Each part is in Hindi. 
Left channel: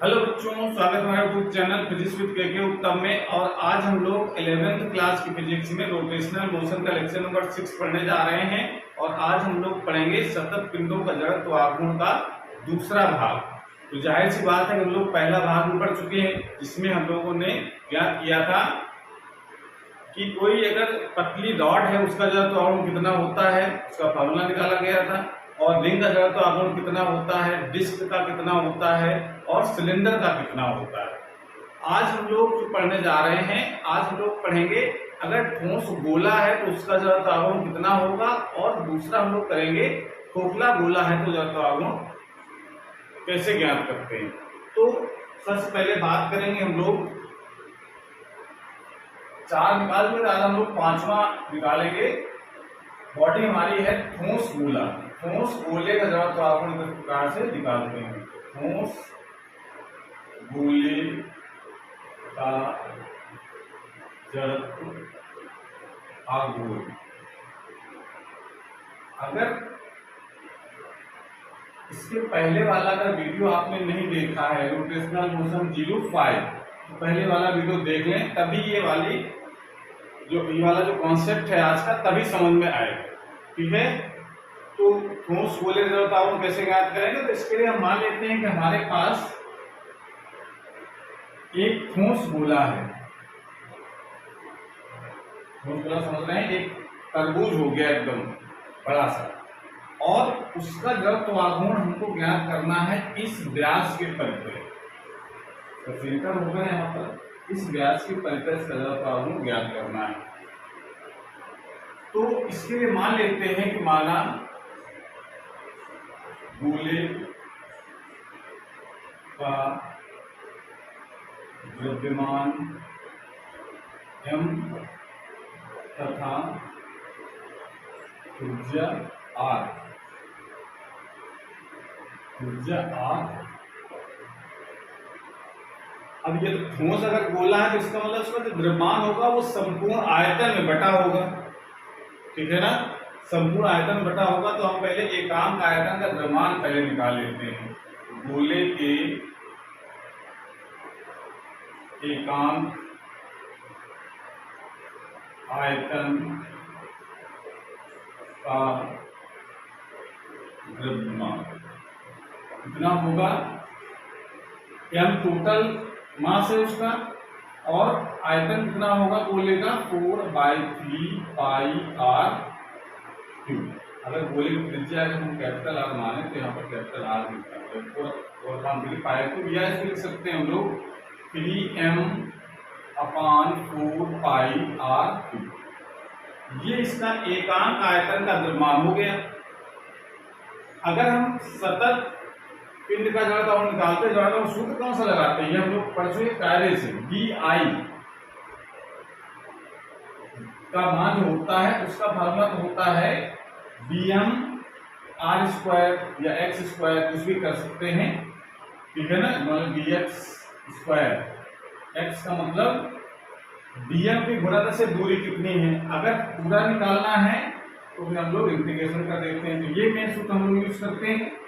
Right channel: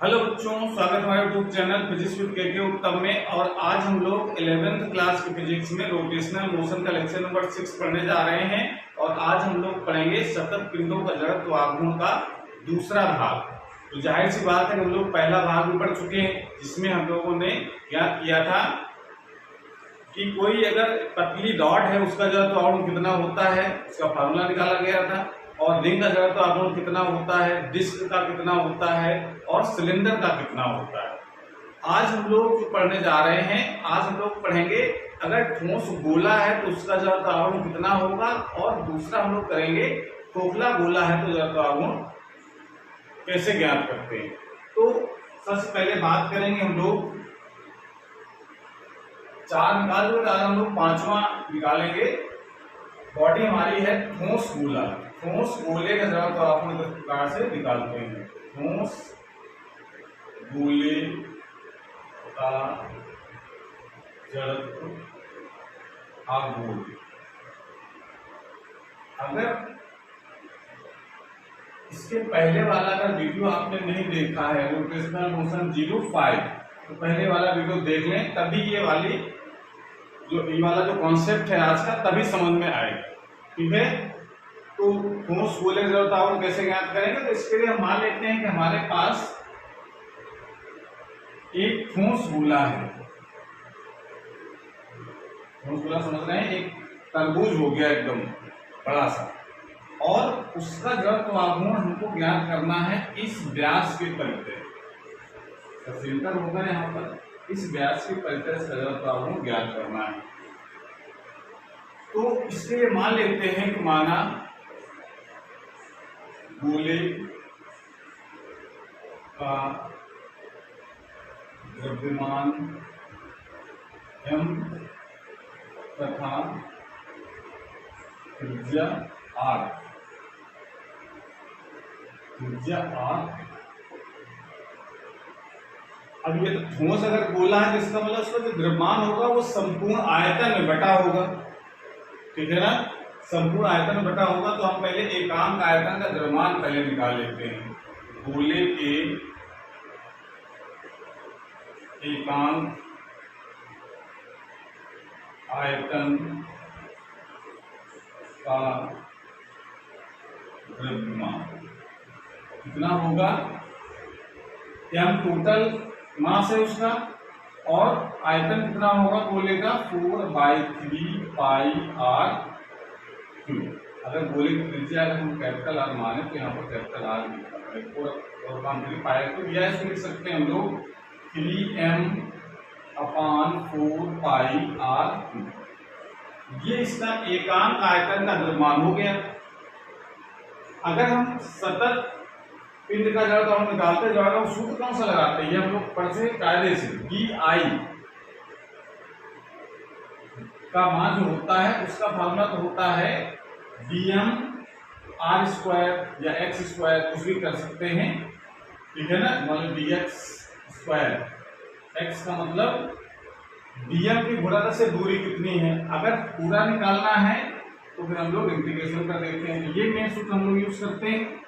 हेलो बच्चों, स्वागत है हमारे यूट्यूब चैनल फिजिक्स विद के उत्तम में। और आज हम लोग 11th क्लास की फिजिक्स में रोटेशनल मोशन का लेक्चर नंबर 6 पढ़ने जा रहे हैं। और आज हम लोग पढ़ेंगे सतत पिंडों का जड़त्व आघूर्ण का दूसरा भाग। तो जाहिर सी बात है कि हम लोग पहला भाग भी पढ़ चुके हैं, जिसमें हम लोगों ने ज्ञात किया था कि कोई अगर पतली रॉड है उसका जड़त्व आघूर्ण कितना होता है, उसका फार्मूला निकाला गया था। और रिंग का जड़त्व आघूर्ण कितना होता है, डिस्क का कितना होता है और सिलेंडर का कितना होता है। आज हम लोग जो पढ़ने जा रहे हैं, आज हम लोग पढ़ेंगे अगर ठोस गोला है तो उसका जड़त्व आघूर्ण कितना होगा, और दूसरा हम लोग करेंगे खोखला गोला है तो जड़त्व आघूर्ण कैसे ज्ञात करते हैं। तो सबसे पहले बात करेंगे हम लोग, 4 निकाल हुए, आज हम लोग 5वां निकालेंगे। बॉडी हमारी है ठोस गोला। ठोस गोले का जड़त्व आघूर्ण इस प्रकार से निकालते हैं। ठोस गोले का जड़त्व आघूर्ण, अगर इसके पहले वाला का वीडियो आपने नहीं देखा है, रोटेशनल मोशन 05, तो पहले वाला वीडियो देख लें, तभी ये वाला जो कॉन्सेप्ट है आज का तभी समझ में आएगा। ठीक है, तो ठोस गोले का जड़त्व आघूर्ण कैसे ज्ञात करेंगे। तो इसके लिए हम मान लेते हैं कि हमारे पास एक ठोस गोला है। ठोस गोला समझ रहे हैं, एक तरबूज हो गया एकदम बड़ा सा, और उसका जड़त्व आघूर्ण हमको ज्ञात करना है इस व्यास के परितः। सेंटर होगा यहाँ पर, इस व्यास के परितः इसका जड़त्व आघूर्ण ज्ञात करना है। तो इसलिए मान लेते हैं कि माना गोले का द्रव्यमान m तथा त्रिज्या r, अब ये ठोस अगर गोला है तो इसका मतलब उसका जो द्रव्यमान होगा वो संपूर्ण आयतन में बटा होगा। ठीक है ना, संपूर्ण आयतन में बटा होगा। तो हम पहले एकांक आयतन का द्रव्यमान पहले निकाल लेते हैं। गोले के एकांक आयतन का द्रव्यमान कितना होगा, m टोटल मास है उसका, और आयतन कितना होगा गोले का 4/3 पाई r क्यूब। अगर गोले की त्रिज्या अगर हम कैपिटल R माने तो यहाँ पर कैपिटल R लिखना पड़ेगा, और पाई को या इसको लिख सकते हैं हम लोग 3m/4 पाई r क्यूब। ये इसका एकांक आयतन का द्रव्यमान हो गया। अगर हम सतत पिंड का जड़त्व आघूर्ण निकालते हैं, सूत्र कौन सा लगाते हैं, ये हम लोग पढ़ चुके कायदे से। BI का मान जो होता है उसका फार्मूला तो होता है dm r² या x², कुछ भी कर सकते हैं। ठीक है ना, मतलब dx², x का मतलब dm की गुणा से दूरी कितनी है। अगर पूरा निकालना है तो फिर हम लोग इंटीग्रेशन कर देते हैं। तो ये मेन सूत्र हम लोग यूज करते हैं।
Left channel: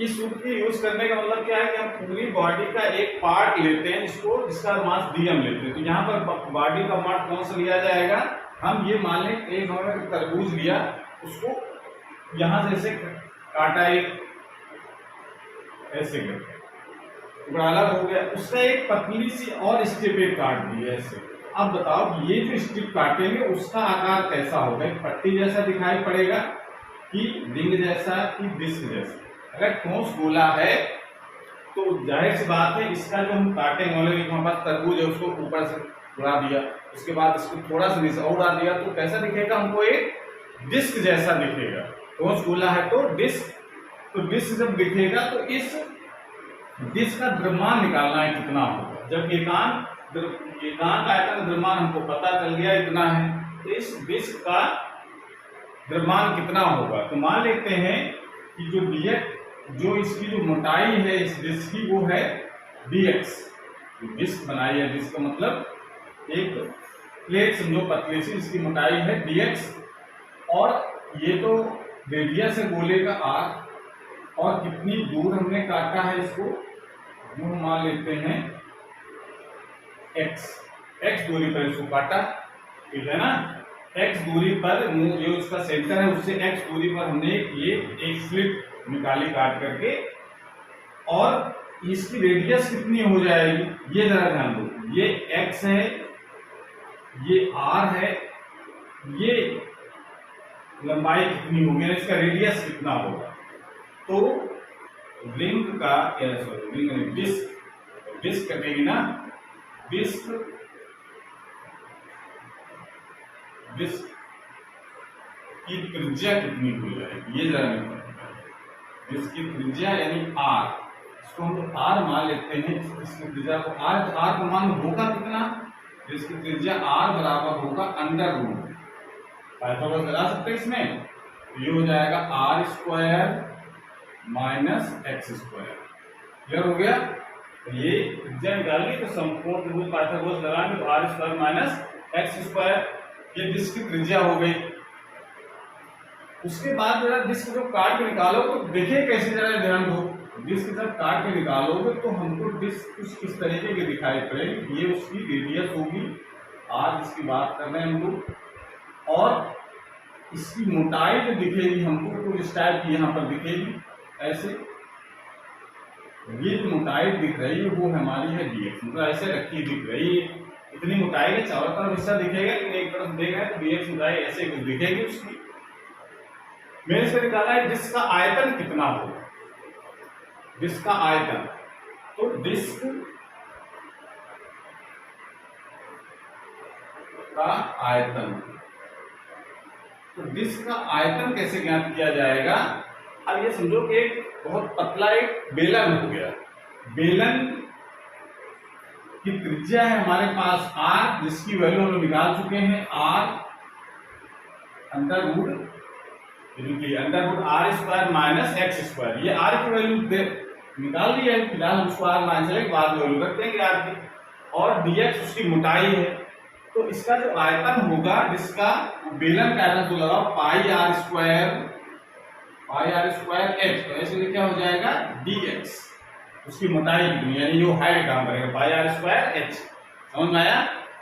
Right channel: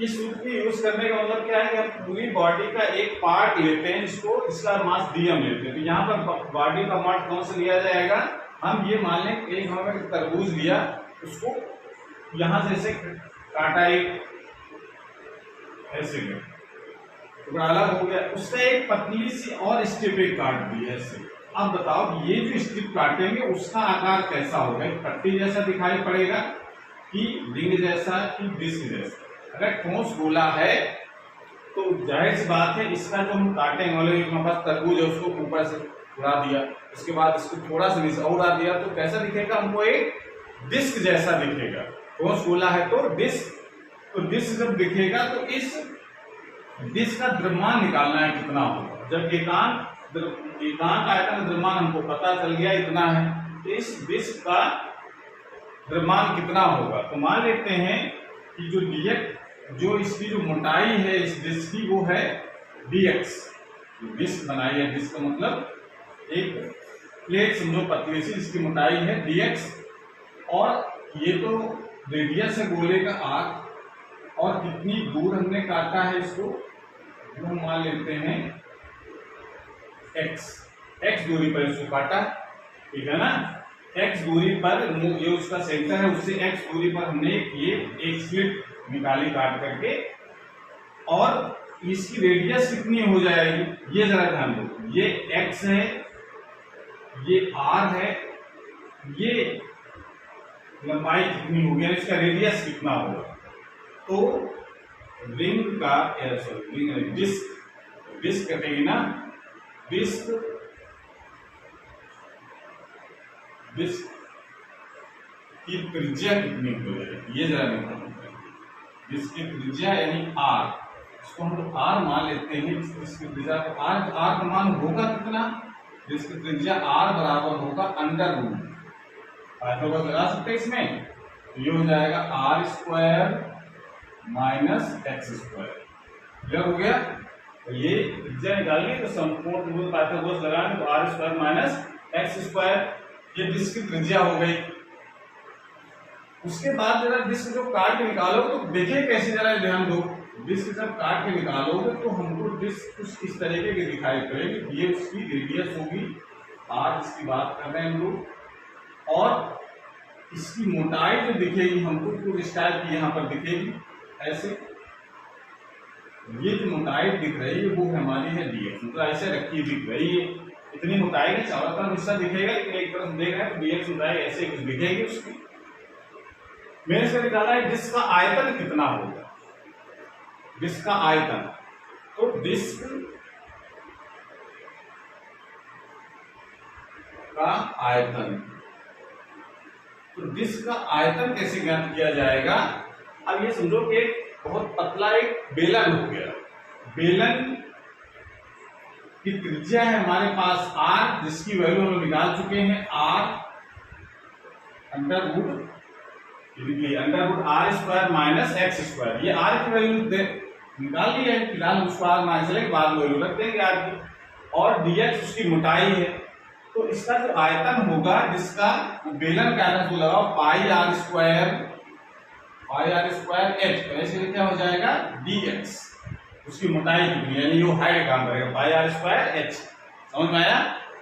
इस सूत्र की यूज करने का मतलब क्या है कि हम पूरी बॉडी का एक पार्ट लेते हैं जिसका मास dm लेते हैं। तो यहाँ पर बॉडी का मास कौन सा लिया जाएगा, हम ये मान लें एक हमने तरबूज लिया, उसको यहां से ऐसे काटा, एक ऐसे टुकड़ा अलग हो गया, उसका एक पतली सी और स्ट्रिप एक काट दी ऐसे। अब बताओ ये जो स्ट्रिप काटेंगे उसका आकार कैसा होगा, एक पट्टी जैसा दिखाई पड़ेगा कि रिंग जैसा कि डिस्क जैसा। अगर ठोस गोला है तो जाहिर सी बात है इसका जो हम काटेंगे, हमारे पास तरबूज है उसको ऊपर से उड़ा दिया, उसके बाद इसको थोड़ा सा नीचे उड़ा दिया, तो कैसा दिखेगा, हमको एक डिस्क जैसा दिखेगा। ठोस गोला है तो डिस्क, तो डिस्क जब दिखेगा तो इस डिस्क का द्रव्यमान निकालना है कितना होगा। जब एकांक आयतन का द्रव्यमान हमको पता चल गया इतना है, तो इस डिस्क का द्रव्यमान कितना होगा। तो मान लेते हैं कि जो इसकी जो मोटाई है इस डिस्क की वो है dx। डिस्क बनाई है, डिस्क का मतलब एक प्लेट समझो पतली सी, इसकी मोटाई है dx, और ये तो रेडियस है गोले का r, और कितनी दूर हमने काटा है इसको, वो हम मान लेते हैं x दूरी पर इसको काटा, ठीक है ना। x दूरी पर जो इसका सेंटर है उससे x दूरी पर हमने ये एक स्लिट निकाली काट करके, और इसकी रेडियस कितनी हो जाएगी ये जरा ध्यान दो। ये x है, ये r है, ये लंबाई कितनी होगी, इसका रेडियस कितना होगा। तो रिंग का डिस्क कटेगी ना, डिस्क की त्रिज्या कितनी हो जाएगी ये जरा मैं बताऊंगा। डिस्क की त्रिज्या यानी r, इसको हम लोग r मान लेते हैं। इसकी त्रिज्या को r का मान होगा कितना, जिसकी त्रिज्या r बराबर होगा अंडर रूट, पाइथागोरस लगा सकते हैं इसमें, तो ये हो जाएगा r square minus x square. Clear हो गया। तो ये त्रिज्या निकालनी तो संपूर्ण त्रिभुज पाइथागोरस लगाएंगे तो r square minus x square, ये डिस्क की त्रिज्या हो गई। उसके बाद जरा डिस्क जो काट के निकालो तो देखिए कैसे, जरा ध्यान दो। डिस्क जब काट के निकालोगे तो हमको डिस्क कुछ इस तरीके की दिखाई पड़ेगी, ये उसकी रेडियस होगी r, इसकी बात कर रहे हैं हम लोग, और इसकी मोटाई जो दिखेगी हमको कुछ इस टाइप की यहाँ पर दिखेगी ऐसे। ये जो मोटाई दिख रही है वो हमारी है dx, मतलब ऐसे रखी दिख रही है। इतनी मोटाई का चारों तरफ हिस्सा दिखेगा, एक तरफ देख रहे हैं तो dx मोटाई ऐसे कुछ दिखेगी उसकी। मैंने से निकाला है डिस्क का आयतन कितना होगा, डिस्क का आयतन। तो डिस्क का आयतन, तो डिस्क का आयतन कैसे ज्ञात किया जाएगा। अब ये समझो कि एक बहुत पतला एक बेलन हो गया, बेलन की त्रिज्या है हमारे पास r, जिसकी वैल्यू हम निकाल चुके हैं r under root r square minus x square. ये r की वैल्यू निकाल ली है, फिलहाल हम उसको r माइनस लेके बाद वैल्यू रख देंगे r की, और dx उसकी मोटाई है। तो इसका जो आयतन होगा जिसका बेलन का आयतन जो लगाओ पाई आर स्क्वायर एच, तो ऐसे क्या हो जाएगा dx, उसकी मोटाई कितनी यानी जो हाइट काम करेगा पाई आर स्क्वायर एच। समझ में आया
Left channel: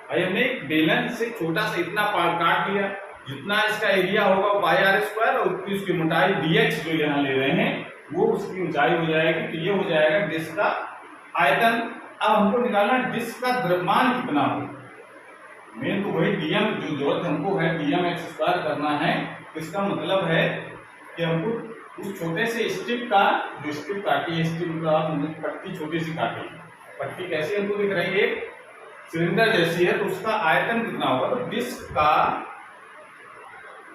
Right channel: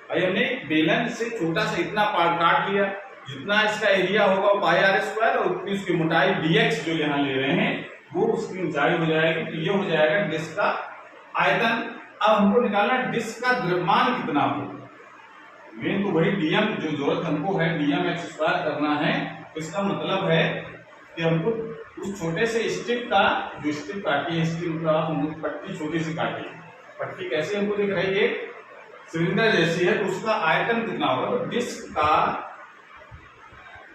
भाई। हमने बेलन से छोटा सा इतना पार्ट काट लिया, जितना इसका एरिया होगा पाई आर स्क्वायर, और उतनी उसकी मोटाई dx जो यहाँ ले रहे हैं वो उसकी ऊंचाई हो जाएगी। तो ये हो जाएगा डिस्क का आयतन। अब हमको निकालना डिस्क का द्रव्यमान कितना होगा, मेन तो वही dm जो जरूरत हमको है, dm एक्स स्क्वायर करना है। तो इसका मतलब है कि हमको उस छोटे से स्ट्रिप का, जो स्ट्रिप काटी है, स्ट्रिप मतलब आप पट्टी छोटी सी काटी, पट्टी कैसी हमको दिख रही है सिलेंडर जैसी है, तो उसका आयतन कितना होगा, तो डिस्क का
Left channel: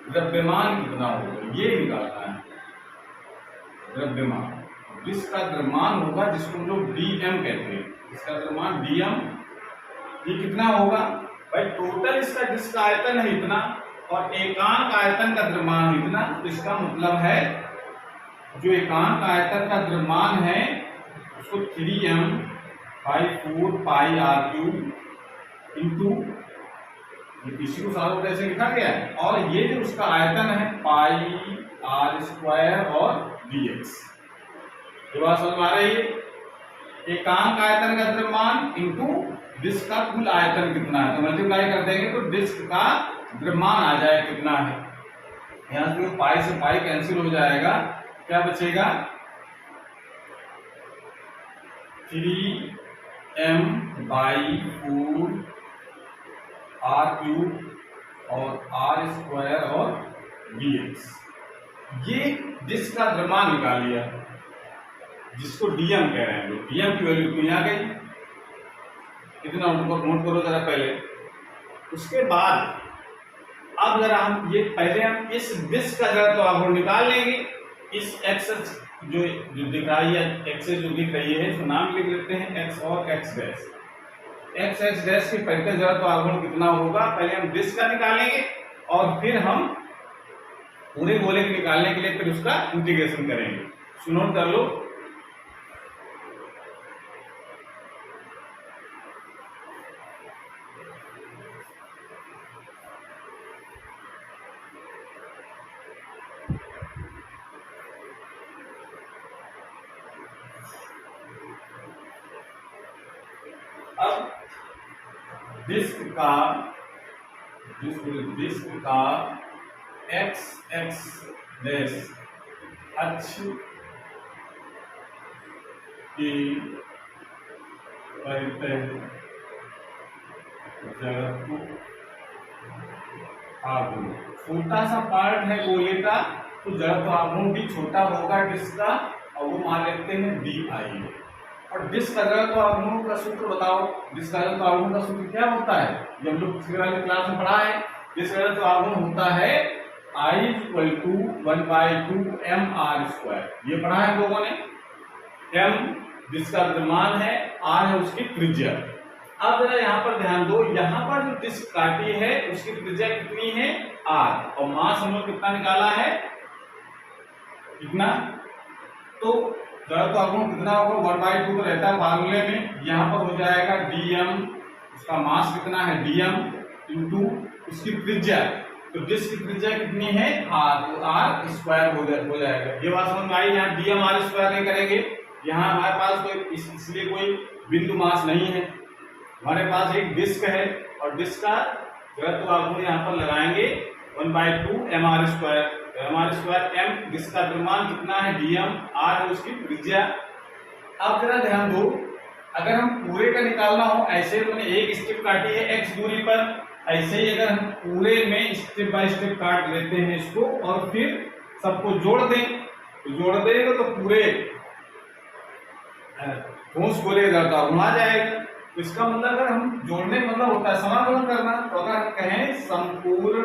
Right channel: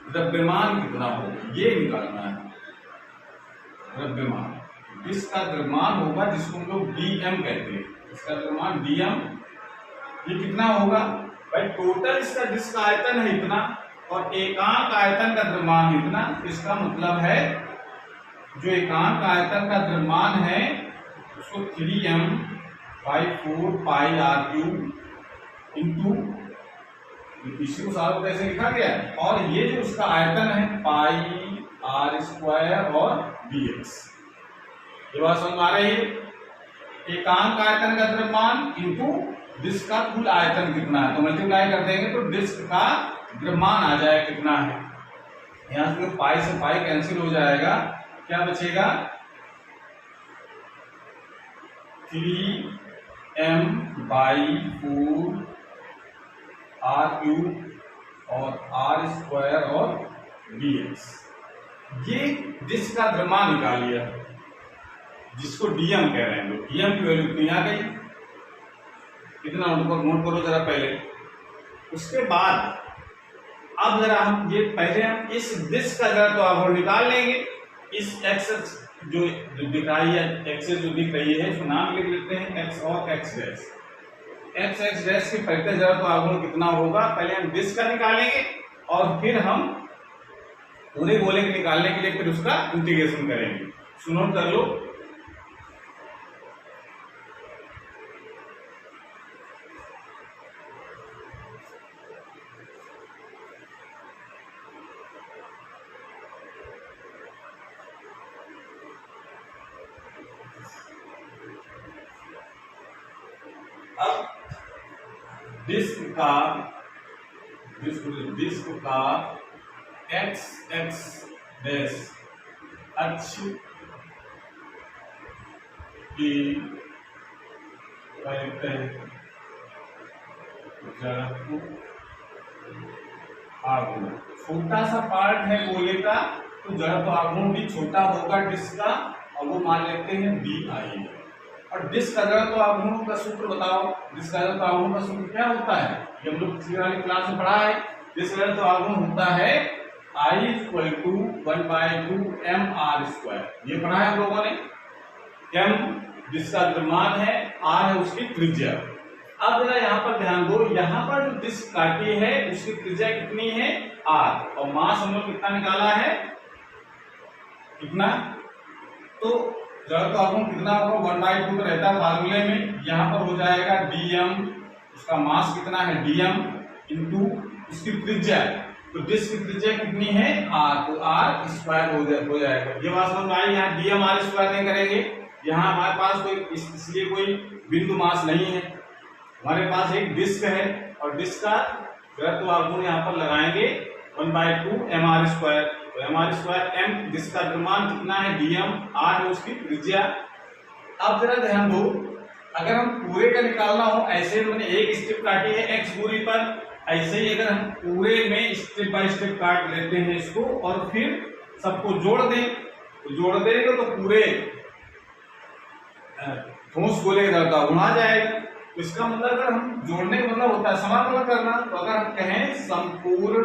द्रव्यमान कितना होगा ये निकालना है। द्रव्यमान, डिस्क का द्रव्यमान होगा जिसको हम लोग dm कहते हैं, इसका द्रव्यमान dm, ये कितना होगा भाई। टोटल इसका डिस्क का आयतन है इतना, और एकांक आयतन का द्रव्यमान इतना। तो इसका मतलब है जो एकांक आयतन का द्रव्यमान है उसको 3m/4 pi are cube into, इसी को सारा कैसे लिखा गया है, और ये जो उसका आयतन है पाई आर स्क्वायर और dx। ये बात समझ में आ रही है। एकांक आयतन का द्रव्यमान इंटू डिस्क का कुल आयतन कितना है, तो मल्टीप्लाई कर देंगे तो डिस्क का द्रव्यमान आ जाए कितना है। यहां से पाई से पाई कैंसिल हो जाएगा, क्या बचेगा 3m/4 आर क्यूब और आर स्क्वायर और dx। ये डिस्क का द्रव्यमान निकाल लिया, जिसको dm कह रहे हैं लोग। dm की वैल्यू इतनी आ गई, इतना नोट करो जरा पहले। उसके बाद अब जरा हम ये पहले हम इस डिस्क का जरा तो आघूर्ण निकाल लेंगे। इस एक्सेस जो दिख रही है, एक्सेस जो दिख रही है उसका नाम लिख लेते हैं x और x डैश। x डैश के पहले जरा तो आघूर्ण कितना होगा, पहले हम डिस्क का निकालेंगे और फिर हम पूरे गोले के निकालने के लिए फिर उसका इंटीग्रेशन करेंगे। सुनो कर लो। अब डिस्क का एक्स एक्स डैश अक्ष की परितः जड़त्व आघूर्ण, छोटा सा पार्ट है गोले का तो जड़त्व आघूर्ण भी छोटा होगा डिस्क का, और वो मान लेते हैं डी आई। और डिस्क का जड़त्व आघूर्ण का सूत्र बताओ। डिस्क का जड़त्व आघूर्ण का सूत्र क्या होता है, ये हम लोग पिछली वाली क्लास में पढ़ा है। डिस्क का जड़त्व आघूर्ण होता है I = 1/2 mr²। ये पढ़ा है हम लोगों ने। m डिस्क का द्रव्यमान है, r है उसकी त्रिज्या। अब जरा यहाँ पर ध्यान दो, यहाँ पर जो डिस्क काटी है उसकी त्रिज्या कितनी है r, और मास हम लोग कितना निकाला है, कितना, तो जड़त्व आघूर्ण कितना होगा 1/2 तो रहता है फार्मूले में, यहाँ पर हो जाएगा dm, उसका मास कितना है dm इंटू उसकी त्रिज्या, तो डिस्क की त्रिज्या कितनी है r, तो r² हो जाएगा। ये बात समझ में आई। यहाँ dm r² नहीं करेंगे, यहाँ हमारे पास कोई इसलिए कोई बिंदु मास नहीं है, हमारे पास एक डिस्क है और डिस्क का जड़त्व आघूर्ण यहाँ पर लगाएंगे 1/2 mr²। तो mr² m डिस्क का द्रव्यमान कितना है dm, r है उसकी त्रिज्या। अब जरा ध्यान दो, अगर हम पूरे का निकालना हो, ऐसे मैंने एक स्ट्रिप काटी है x दूरी पर, ऐसे ही अगर हम पूरे में स्टेप बाय स्टेप काट लेते हैं इसको और फिर सबको जोड़ दें, तो जोड़ देंगे तो पूरे ठोस गोले का जड़त्व आघूर्ण आ जाएगा। तो इसका मतलब अगर हम जोड़ने का मतलब होता है समाकलन करना, तो अगर हम कहें संपूर्ण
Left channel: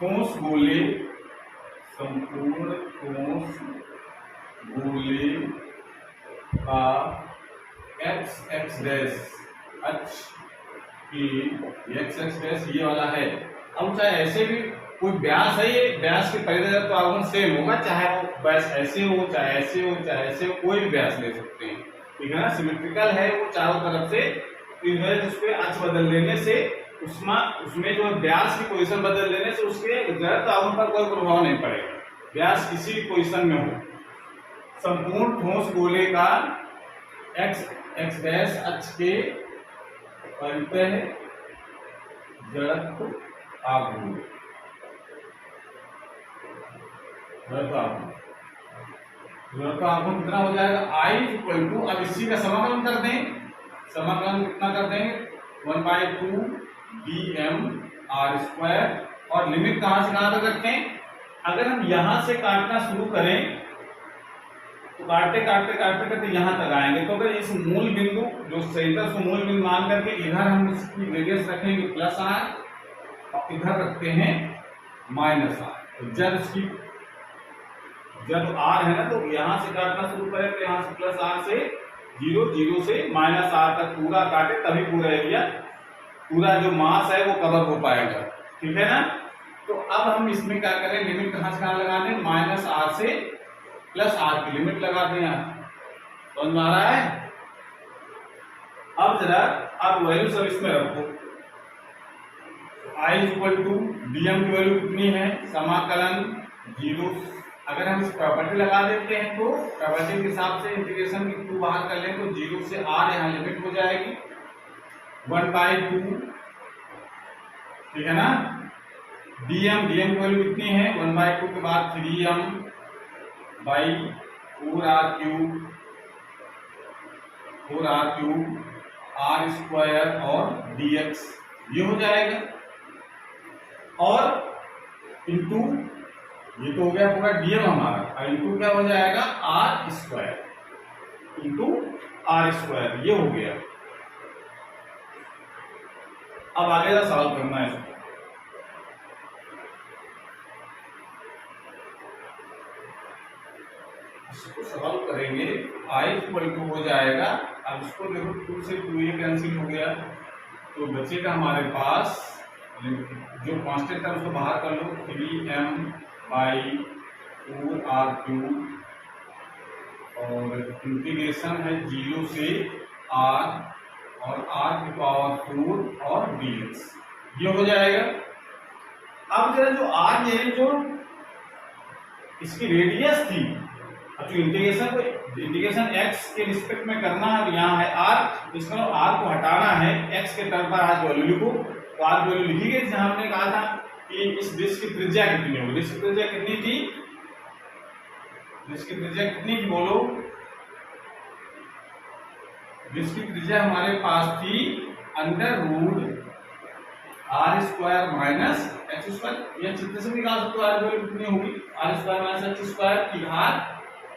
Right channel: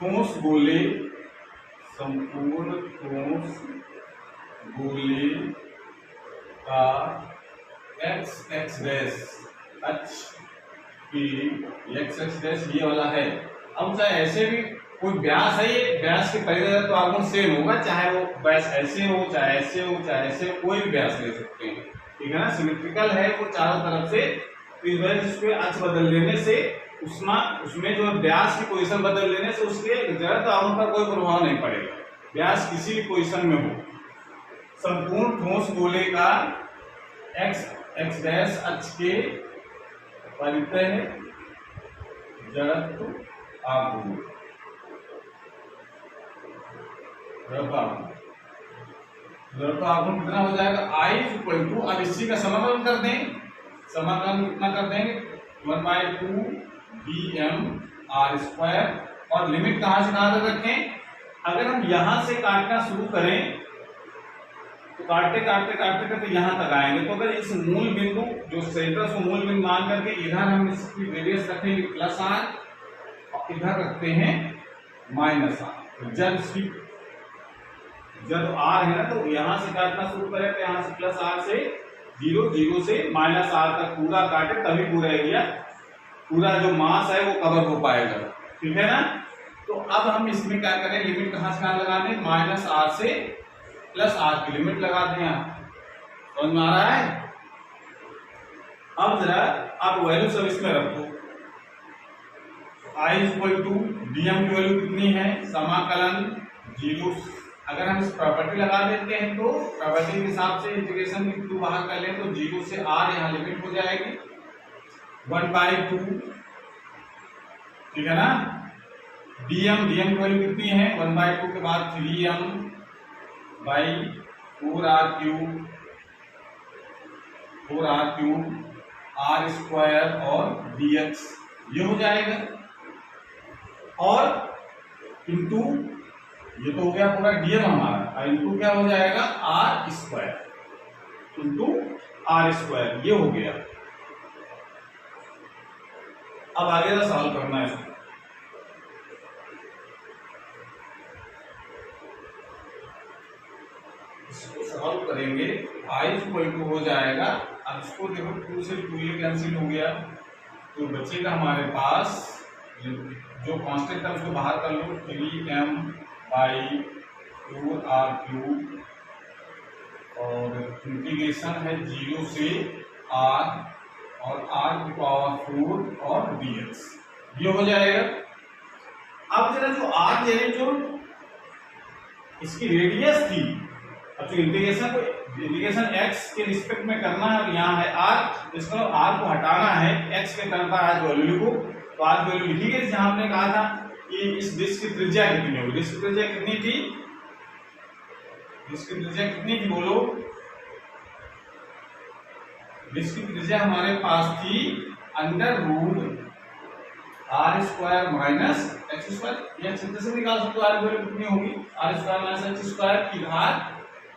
ठोस गोले का एक्स एक्स डैश अक्ष की एक्स एक्स डैश ये वाला है। अब चाहे ऐसे भी कोई व्यास है, ये व्यास के परिधि तो आघूर्ण सेम होगा, चाहे वो व्यास ऐसे हो चाहे ऐसे हो चाहे ऐसे हो, कोई भी व्यास ले सकते हैं, ठीक है ना, सिमेट्रिकल है वो चारों तरफ से। तो इस वजह से उसके अक्ष बदल देने से उसमें जो व्यास की पोजीशन बदल देने से उसके जड़त्व आघूर्ण पर कोई प्रभाव नहीं पड़ेगा, व्यास किसी भी पोजीशन में हो। संपूर्ण ठोस गोले का एक्स एक्स डैश अक्ष के परितः जड़त्व आघूर्ण कितना हो जाएगा I अब इसी का समाकलन कर दें, समाकलन कितना कर देंगे 1/2 dm r², और लिमिट कहां से कहां तक रखें, अगर हम यहां से काटना शुरू करें तो काटते काटते काटते काटते यहां तक आएंगे, तो अगर इस मूल बिंदु जो सेंटर को मूल बिंदु मान करके इधर हम इसकी रेडियस रखेंगे +r और इधर रखते हैं -r, तो जब r है ना तो यहां से काटना शुरू करें तो यहां से +r से 0 से -r तक पूरा काटे, तभी पूरा एरिया, पूरा जो मास है वो कवर हो पाएगा, ठीक है ना। तो अब हम इसमें क्या करें, लिमिट कहां से कहां लगाने, -r से +r की लिमिट लगा दें। यहाँ समझ में आ रहा है। अब जरा आप वैल्यू सब इसमें रखो, I = dm की वैल्यू कितनी है, समाकलन 0, अगर हम इस प्रॉपर्टी लगा देते हैं तो प्रॉपर्टी के हिसाब से इंटीग्रेशन की 2 बाहर कर लें तो 0 से r यहाँ लिमिट हो जाएगी 1/2, ठीक है ना। dm की वैल्यू कितनी है 1/2 के बाद 3m/4r³ r² और dx ये हो जाएगा, और इंटू ये तो हो गया पूरा dm हमारा, इंटू क्या हो जाएगा r² इंटू r², ये हो गया। अब आगे का सवाल करना है, इसको सॉल्व करेंगे। I = हो जाएगा, अब इसको देखो 2 से 2 ये कैंसिल हो गया, तो बचेगा हमारे पास जो कांस्टेंट है उसको बाहर कर लो, 3m/4r³ और इंटीग्रेशन है 0 से r और r⁴ और dx, ये हो जाएगा। अब जरा जो r यानी जो इसकी रेडियस थी अब जो इंटीग्रेशन x के रिस्पेक्ट में करना है, यहाँ है r, इसको r को हटाना है, x के टर्म पर आज वैल्यू लिखो, तो आज वैल्यू लिखी गई। जहां हमने कहा था कि इस डिस्क की त्रिज्या कितनी होगी, डिस्क की त्रिज्या कितनी थी, डिस्क की त्रिज्या कितनी थी बोलो, डिस्क की त्रिज्या हमारे पास थी under root r square minus x square. यह चित्र से निकाल सकते हो, आर की वैल्यू कितनी होगी, r square minus x square की घात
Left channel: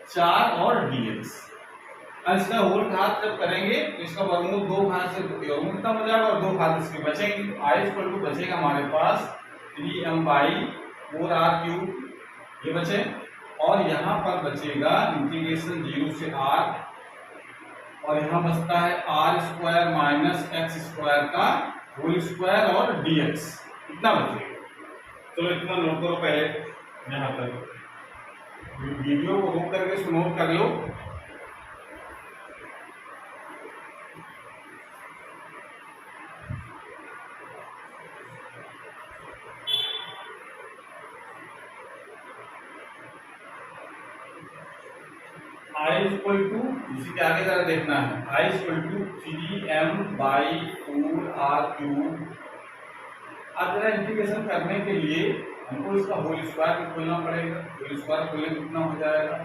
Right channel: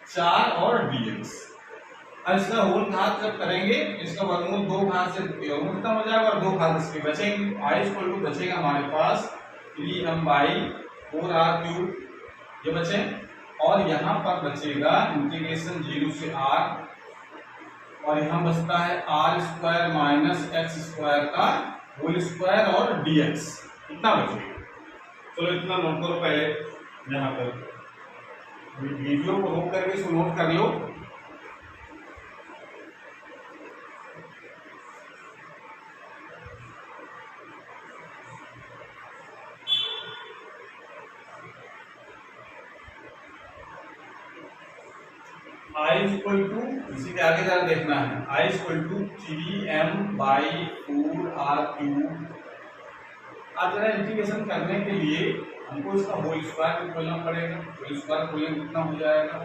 4 और dx। अब इसका होल घात जब करेंगे इसका वर्गमूल 2 घात से वर्गमूल खत्म हो जाएगा और 2 घात इसके बचेंगे। तो आई इक्वल टू बचेगा हमारे पास 3m/4r³ ये बचे, और यहाँ पर बचेगा इंटीग्रेशन 0 से r, और यहाँ बचता है r square minus x square का होल स्क्वायर और dx, इतना बचेगा। चलो इतना नोट करो पहले, यहाँ तक वीडियो को रोक करके इसको नोट कर लो। आई इक्वल टू, इसी के आगे जरा देखना है, आई इक्वल टू 3m/4r³। अब जरा इंटीग्रेशन करने के लिए हमको इसका होल स्क्वायर भी खोलना पड़ेगा। होल स्क्वायर खोलने कितना हो जाएगा,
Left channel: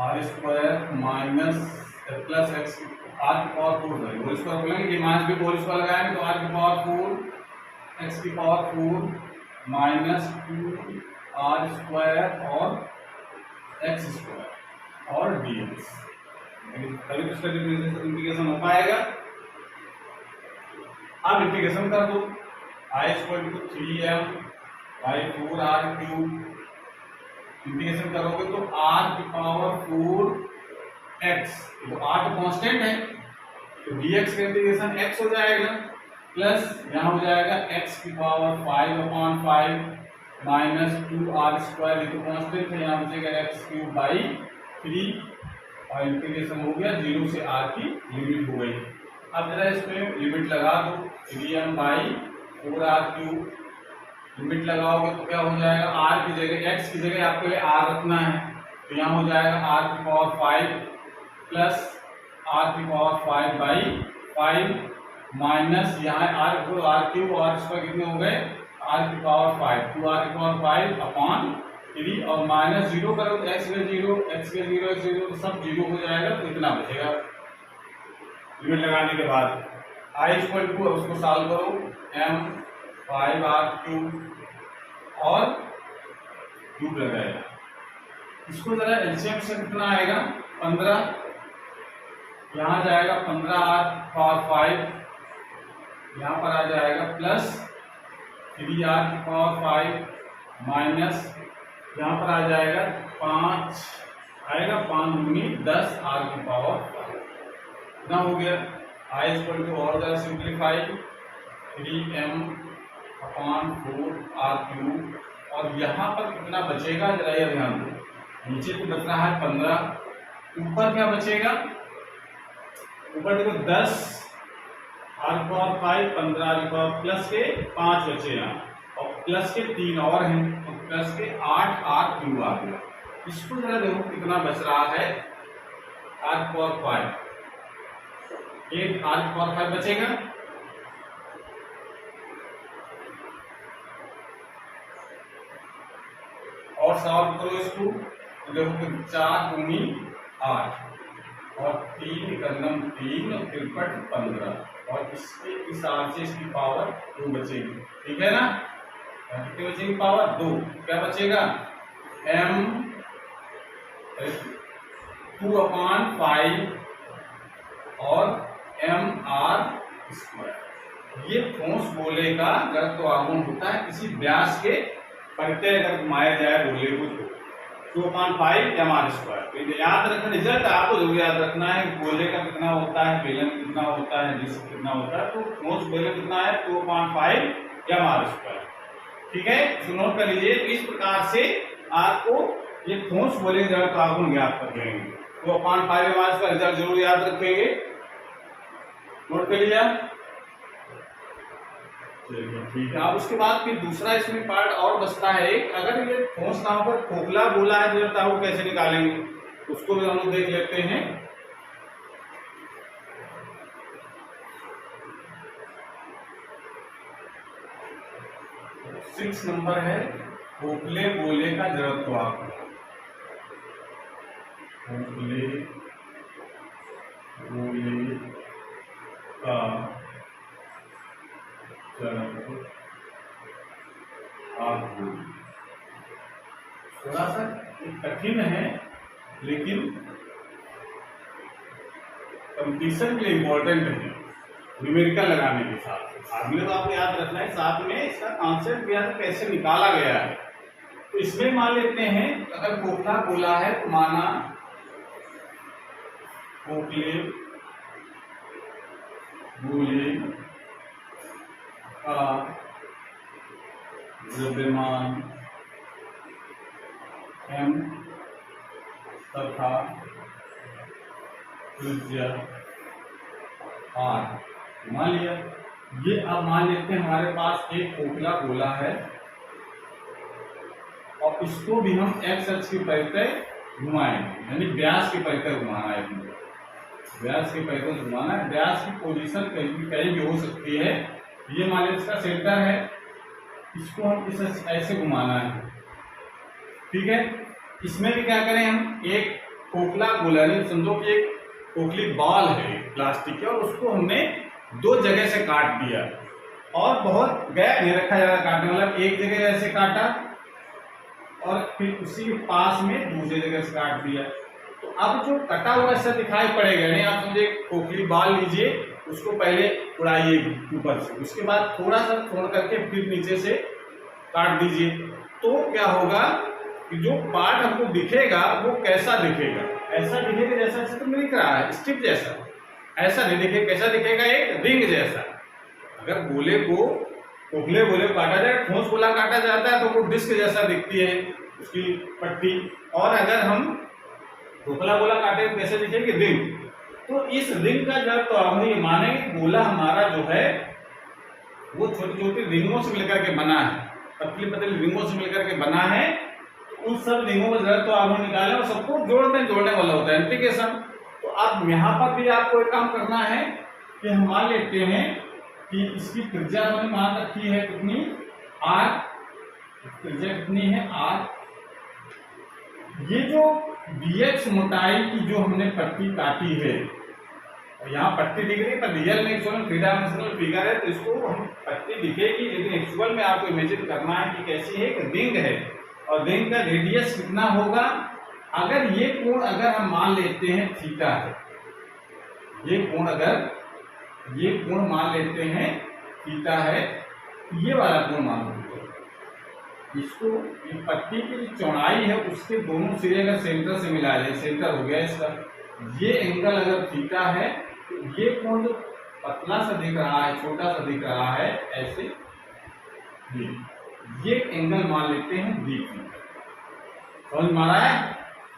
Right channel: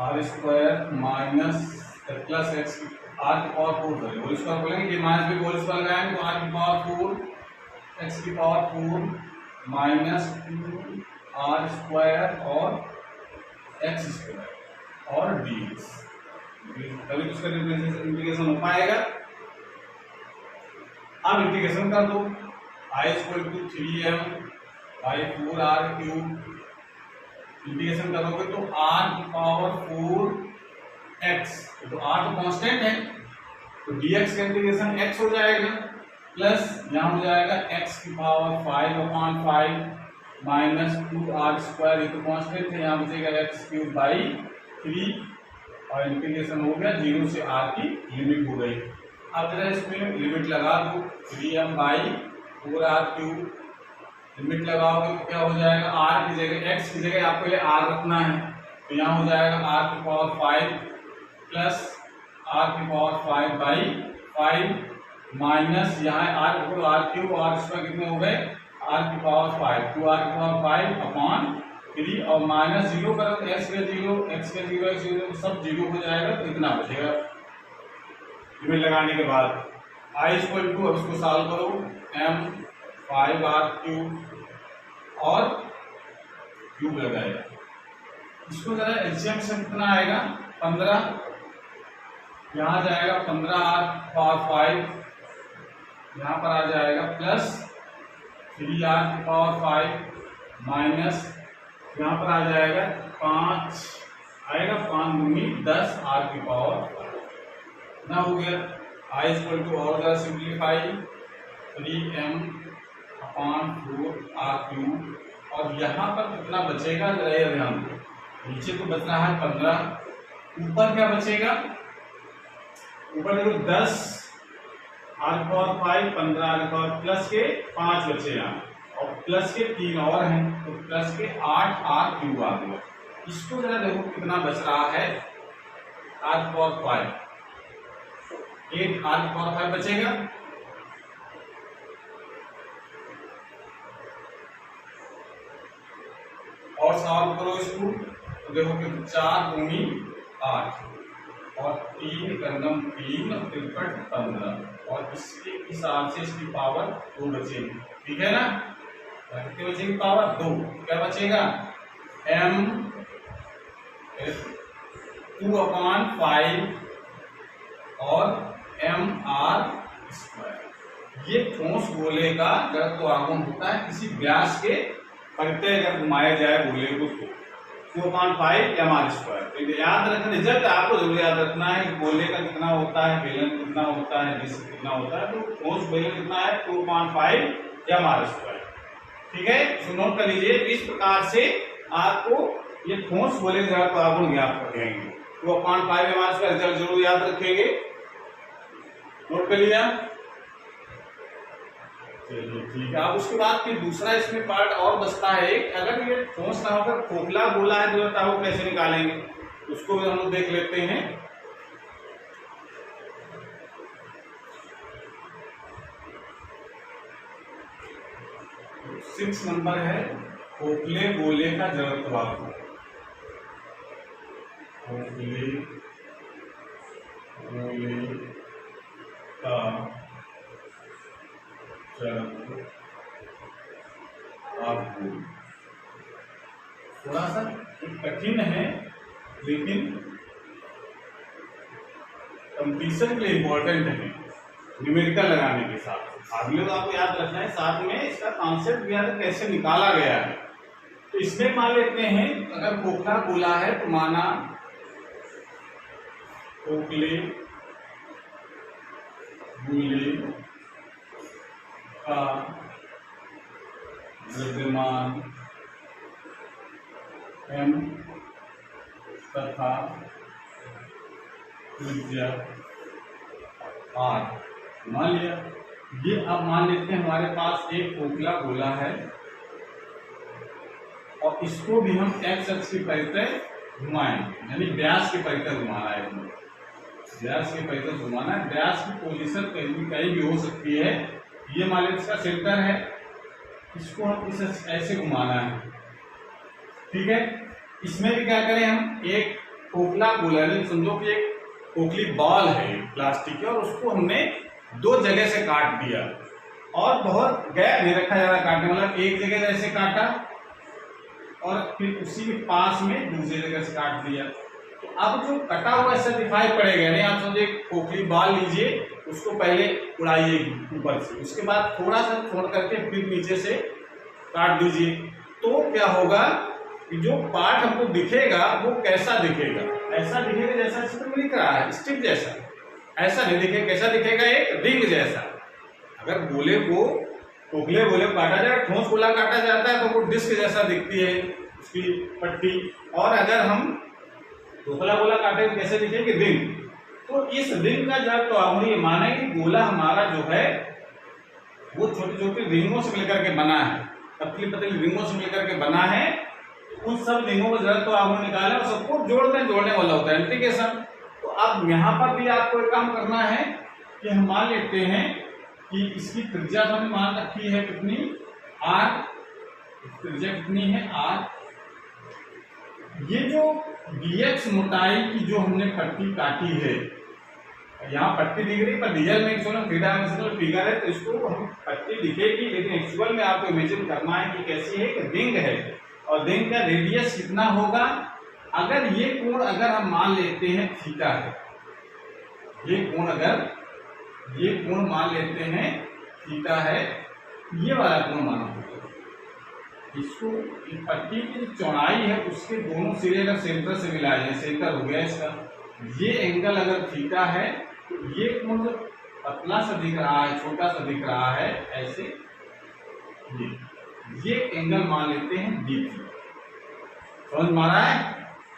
r square minus plus x r की पावर 4, होल स्क्वायर खोलेंगे कि माइनस भी होल स्क्वायर लगाएंगे तो आर की पावर 4 एक्स की पावर 4 माइनस 2 आर स्क्वायर और एक्स स्क्वायर और dx, तभी तो इसका इंटीग्रेशन हो पाएगा। अब इंटीग्रेशन कर दो, I equal to 3m/4r³ integration करोगे तो r की पावर 4x, तो r तो कांस्टेंट है तो dx का इंटीग्रेशन x हो जाएगा, प्लस यहाँ हो जाएगा x की पावर 5/5 माइनस 2r², ये तो कांस्टेंट है, यहाँ बचेगा x³/3, और इंटीग्रेशन हो गया 0 से r की लिमिट हो गई। अब जरा इसमें लिमिट लगा दो, 3m/4r³ लिमिट लगाओगे तो क्या हो जाएगा, r की जगह x की जगह आपको ये r रखना है, तो यहाँ हो जाएगा r की पावर 5 प्लस r की पावर 5/5 माइनस यहाँ r³ और इसका कितने हो गए, r की पावर 5, 2r की पावर 5/3 और माइनस 0 करो तो x के 0 x के 0 x के 0 सब 0 हो जाएगा, तो इतना बचेगा लिमिट लगाने के बाद। i इक्वल टू, अब उसको सॉल्व करो, m/5r³ और क्यूब लगाएगा, इसको जरा एलसीएम से कितना आएगा 15, यहाँ जाएगा 15r⁵, यहाँ पर आ जाएगा प्लस 3r की पावर 5 माइनस यहाँ पर आ जाएगा 5 आएगा, 5 दूनी 10 r की पावर 5, इतना हो गया। आई इक्वल टू और जरा सिंप्लीफाई, 3m/4r³, और यहाँ पर कितना बचेगा जरा ये ध्यान दो, नीचे तो बच रहा है 15, ऊपर क्या बचेगा, ऊपर देखो 10 r⁵, 15 प्लस के 5 बचे यहाँ, और प्लस के 3 और हैं, तो प्लस के 8r³ आ गया। इसको जरा देखो कितना बच रहा है, r⁵, 8 r⁵ बचेगा, और सॉल्व करो इसको तो देखो कि 4 दूनी 8 और 3 कंगम 3 और 3 15, और इसके हिसाब से इसकी पावर 2 बचेगी, ठीक है ना, कितनी बचेगी पावर 2, क्या बचेगा m/2/5 और mr²। ये ठोस गोले का जब तो आगमन होता है किसी व्यास के करते अगर घुमाया जाए गोले को तो 2/5 mr²। तो याद रखना, रिजल्ट आपको जरूर याद रखना है गोले का कितना होता है, बेलन कितना होता है, डिस्क कितना होता है, तो ठोस बेलन कितना है 2/5 mr², ठीक है। तो नोट कर लीजिए, इस प्रकार से आपको ये ठोस गोले का जड़ तो आगमन ज्ञात कर देंगे, 2/5 mr² रिजल्ट जरूर याद रखेंगे, नोट कर लिया। चलिए ठीक है। अब उसके बाद फिर दूसरा इसमें पार्ट और बचता है एक, अगर ये ठोस ना होकर खोखला गोला है जो वो कैसे निकालेंगे, उसको भी हम लोग देख लेते हैं। 6 नंबर है खोखले गोले का जड़त्वांक। खोखले गोले का जड़त्वांक थोड़ा सा कठिन है, लेकिन कंपटीशन के लिए इंपॉर्टेंट है न्यूमेरिकल लगाने के साथ। अगले तो आपको याद रखना है, साथ में इसका कॉन्सेप्ट भी याद कैसे निकाला गया है। तो इसमें मान लेते हैं अगर खोखला गोला है तो माना खोखले गोले का द्रव्यमान m तथा त्रिज्या r मान लिया। ये अब मान लेते हैं हमारे पास एक खोखला गोला है और इसको भी हम x अक्ष की परितः घुमाएंगे, यानी व्यास की परितः घुमाना है। व्यास की परितः घुमाना है। व्यास की पोजीशन कहीं भी हो सकती है। ये मान लेते इसका सेंटर है, इसको हम इस ऐसे घुमाना है, ठीक है। इसमें भी क्या करें हम, एक खोखला गोला यानी समझो कि एक खोखली बॉल है प्लास्टिक की, और उसको हमने 2 जगह से काट दिया और बहुत गैप नहीं रखा ज्यादा काटने, मतलब एक जगह जैसे काटा और फिर उसी के पास में दूसरी जगह से काट दिया। तो अब जो कटा हुआ ऐसा दिखाई पड़ेगा, नहीं आप समझे खोखली बॉल लीजिए, उसको पहले उड़ाइए ऊपर से, उसके बाद थोड़ा सा छोड़ करके फिर नीचे से काट दीजिए। तो क्या होगा कि जो पार्ट हमको दिखेगा वो कैसा दिखेगा, ऐसा दिखेगा जैसा चित्र में दिख रहा है, स्ट्रिप जैसा। ऐसा नहीं दिखेगा, कैसा दिखेगा, एक रिंग जैसा। अगर गोले को खोखले गोले को काटा जाए, ठोस गोला काटा जाता है तो वो डिस्क जैसा दिखती है उसकी पट्टी, और अगर हम खोखला गोला काटे तो कैसे दिखेगी, रिंग। तो इस रिंग का जब तो हम ये माने कि गोला हमारा जो है वो छोटी छोटी रिंगों से मिलकर के बना है, पतली पतली रिंगों से मिलकर के बना है। उन सब रिंगों का जरूरत तो आप निकाले और सबको जोड़ने वाला होता है इंटीग्रेशन। तो अब यहाँ पर भी आपको एक काम करना है कि हम मान लेते हैं कि इसकी त्रिज्या हमने मान रखी है कितनी, r, त्रिज्या कितनी है r। ये जो dx मोटाई की जो हमने पट्टी काटी है, यहाँ पट्टी दिख रही है पर रियल में थ्री डायमेंशनल फिगर है तो इसको हम पट्टी दिखेगी, लेकिन एक्चुअल में आपको इमेजिन करना है कि कैसी है, कि रिंग है और रिंग का रेडियस कितना होगा। अगर ये कोण अगर हम मान लेते हैं थीटा है, ये कोण मान लेते हैं थीटा है, ये वाला कोण मानो, इसको पट्टी की जो चौड़ाई है उसके दोनों सिरे अगर सेंटर से मिला जाए, सेंटर हो गया इसका, ये एंगल अगर थीटा है तो ये कोण जो पतला सा दिख रहा है, छोटा सा दिख रहा है ऐसे, ये एंगल मान लेते हैं डी थीटा। समझ में आ रहा है?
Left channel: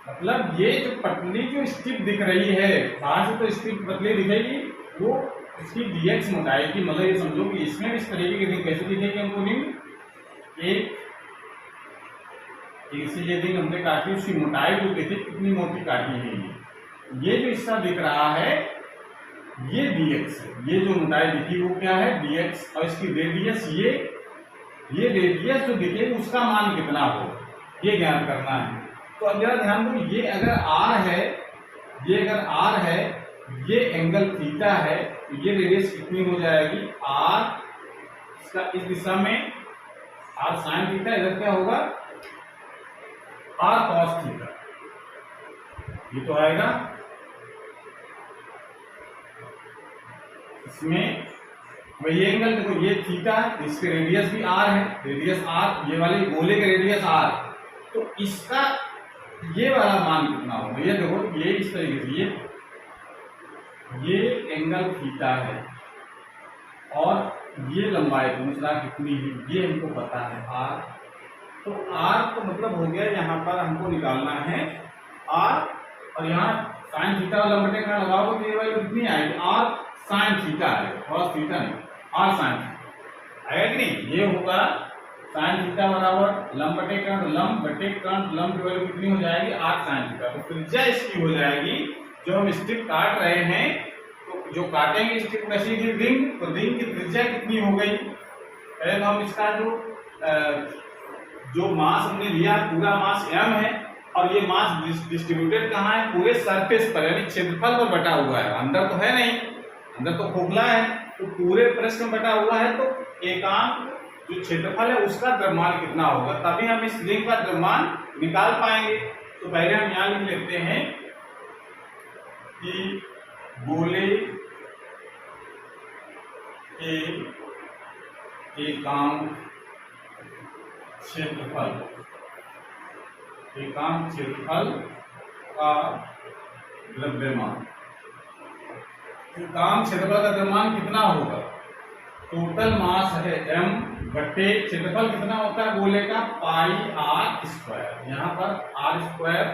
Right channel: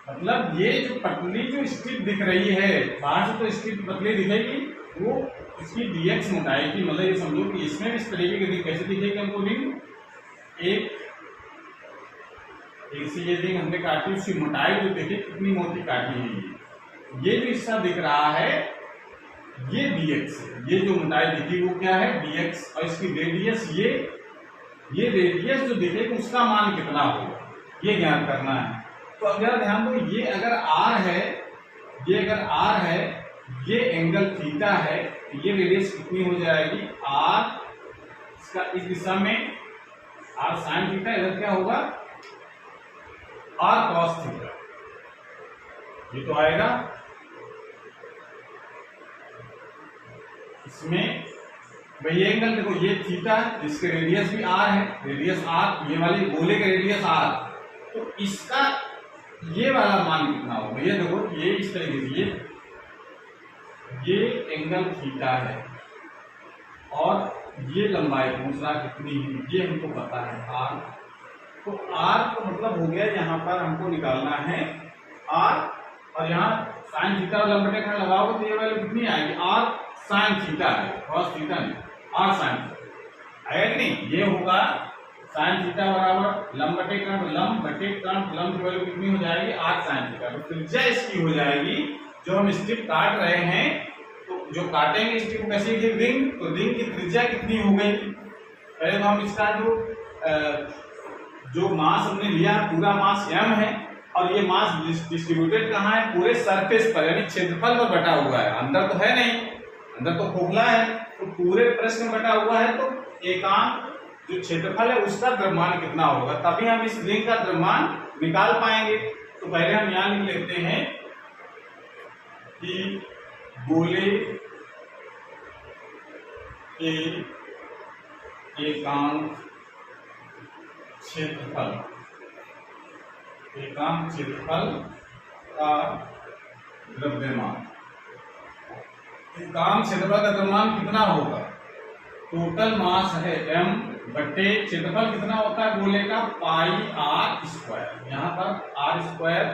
मतलब ये जो पतली जो स्ट्रिप दिख रही है, बाहर से तो स्ट्रिप पतली दिखेगी, वो इसकी dx मोटाई की, मतलब ये समझो कि इसमें भी इस तरीके की रिंग कैसे दिखेगी हमको, रिंग एक से ये रिंग हमने काटी, उसकी मोटाई जो देखिए कितनी मोटी काटी है, ये जो हिस्सा दिख रहा है ये dx है, ये जो मोटाई दिखी वो क्या है, dx, और इसकी रेडियस ये रेडियस जो दिखेगी उसका मान कितना होगा ये ज्ञात करना है। तो अगर ध्यान दो, ये अगर r है, ये अगर r है, ये एंगल थीटा है, ये रेडियस कितनी हो जाएगी r, इसका इस दिशा में r साइन थीटा, इधर क्या होगा r cos थीटा, ये तो आएगा। इसमें वही एंगल देखो, ये थीटा, इसके रेडियस भी r है, रेडियस r, ये वाले गोले के रेडियस r, तो इसका ये वाला मान कितना होगा, ये देखो ये इस तरीके से ये एंगल थीटा है और ये लंबाई दूसरा कितनी है ये हमको पता है r। तो r को मतलब हो गया, यहाँ पर हमको निकालना है r, और यहाँ साइन थीटा लंबटे का लगाओगे तो ये वैल्यू कितनी आएगी, r साइन थीटा है, cos थीटा नहीं, r साइन थीटा। आएगा कि नहीं? ये होगा साइन थीटा बराबर लंब बटे कर्ण, लंब बटे कर्ण, लंब की वैल्यू कितनी हो जाएगी 8 साइन थीटा। तो त्रिज्या इसकी हो जाएगी, जो हम स्ट्रिप काट रहे हैं तो जो काटेंगे स्ट्रिप वैसे की रिंग, तो रिंग की त्रिज्या कितनी हो गई? पहले तो हम इसका जो मास हमने लिया पूरा मास m है, और ये मास डिस्ट्रीब्यूटेड कहाँ है? पूरे सरफेस पर, यानी क्षेत्रफल पर बटा हुआ है। अंदर तो है नहीं, अंदर तो खोखला है, तो पूरे पृष्ठ में बटा हुआ है। तो एकांक जो क्षेत्रफल है उसका द्रव्यमान कितना होगा, तभी हम इस रिंग का द्रव्यमान निकाल पाएंगे। तो पहले हम यहाँ लिख लेते हैं कि गोले के एकांक क्षेत्रफल का द्रव्यमान, एकांक क्षेत्रफल का द्रव्यमान कितना होगा? टोटल मास है m बटे क्षेत्रफल कितना होता है गोले का? पाई आर स्क्वायर। यहाँ पर आर स्क्वायर,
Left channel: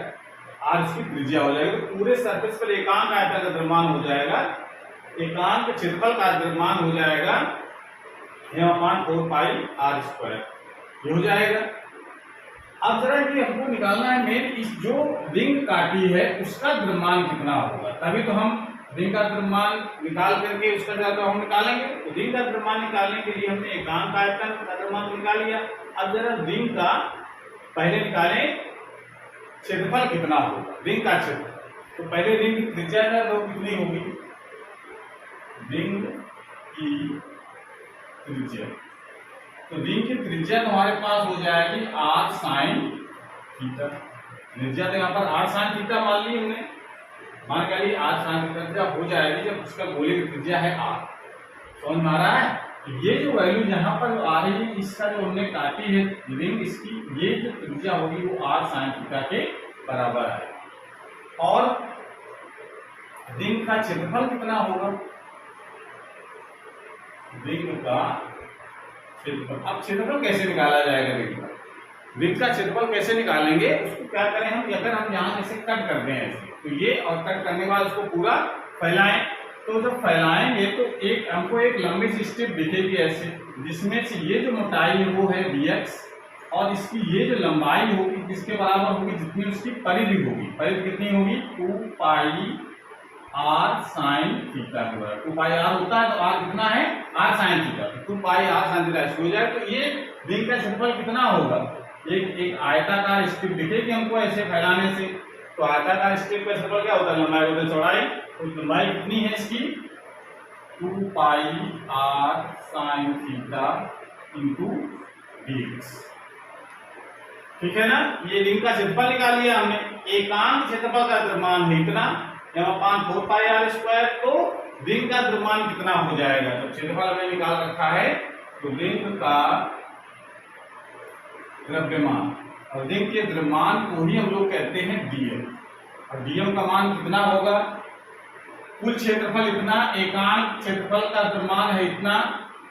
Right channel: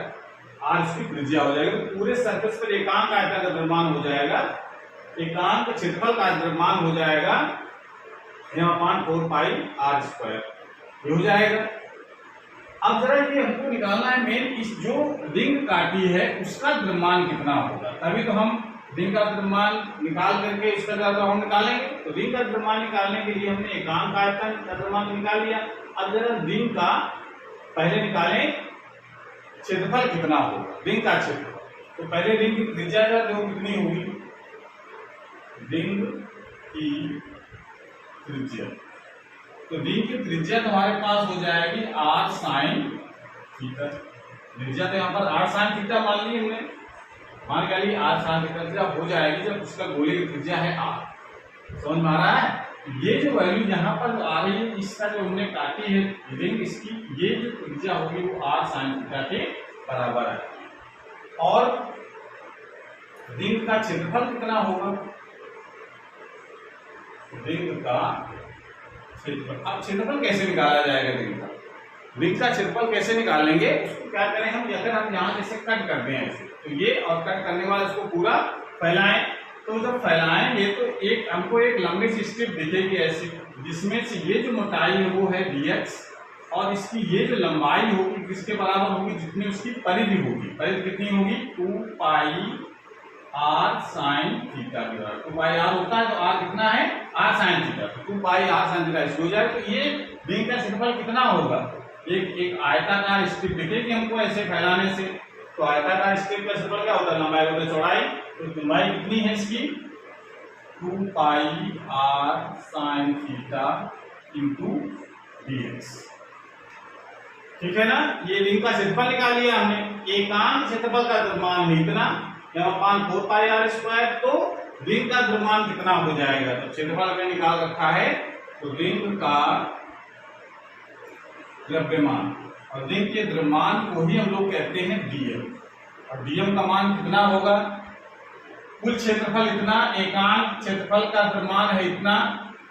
आर इसकी त्रिज्या हो जाएगी, तो पूरे सरफेस पर एकांक आयतन का द्रव्यमान हो जाएगा, एकांक क्षेत्रफल का द्रव्यमान हो जाएगा m/4 पाई आर स्क्वायर, ये हो जाएगा। अब जरा ये हमको निकालना है मेन, इस जो रिंग काटी है उसका द्रव्यमान कितना होगा, तभी तो हम रिंग का द्रव्यमान निकाल करके उसका हम निकालेंगे। तो रिंग का द्रव्यमान निकालने के लिए हमने एकांक आयतन का द्रव्यमान निकाल लिया। अब जरा रिंग का पहले निकालें क्षेत्रफल कितना होगा, रिंग का क्षेत्रफल। तो पहले रिंग की त्रिज्या कितनी होगी? रिंग की त्रिज्या, तो रिंग की त्रिज्या हमारे पास हो जाएगी r साइन थीटा। त्रिज्या तो यहाँ पर r साइन थीटा मान ली हमने, मान कर लिए r साइन थीटा त्रिज्या हो जाएगी जब उसका गोले की त्रिज्या है r। समझ में आ रहा है? ये जो वैल्यू यहाँ पर आ रही है, इसका जो हमने काटी है रिंग, इसकी ये जो त्रिज्या होगी वो r साइन थीटा के बराबर है। और रिंग का क्षेत्रफल कितना होगा? रिंग का क्षेत्रफल, अब क्षेत्रफल कैसे निकाला जाएगा रिंग का? रिंग का क्षेत्रफल कैसे निकालेंगे उसको क्या करें हम, अगर हम यहाँ जैसे कट करते हैं ऐसे, तो ये और कट करने के बाद उसको पूरा फैलाएं, तो जब फैलाएंगे तो एक हमको एक लंबी सी स्ट्रिप दिखेगी ऐसे, जिसमें से ये जो मोटाई है वो है dx, और इसकी ये जो लंबाई होगी किसके बराबर होगी? जितनी उसकी परिधि होगी। परिधि कितनी होगी? 2 पाई r साइन थीटा के बराबर। 2 पाई r होता है तो r कितना है? r साइन थीटा, तो 2 पाई r साइन थीटा इसको हो जाए। तो ये रिंग का क्षेत्रफल कितना होगा? एक आयताकार स्ट्रिप दिखेगी हमको ऐसे फैलाने से, तो आयताकार स्ट्रिप का क्षेत्रफल क्या होता है? लंबाई बटे चौड़ाई। तो लंबाई कितनी है इसकी? 2 पाई r sine theta into dx। ठीक है ना? ये रिंग का क्षेत्रफल निकाल लिया हमने। एकांक क्षेत्रफल का द्रव्यमान है इतना, यहाँ 4 पाई आर स्क्वायर, तो रिंग का द्रव्यमान कितना हो जाएगा? तो क्षेत्रफल हमने निकाल रखा है, तो रिंग का द्रव्यमान, और रिंग के द्रव्यमान को ही हम लोग कहते हैं dm, और dm का मान कितना होगा? कुल क्षेत्रफल इतना, एकांक क्षेत्रफल का द्रव्यमान है इतना,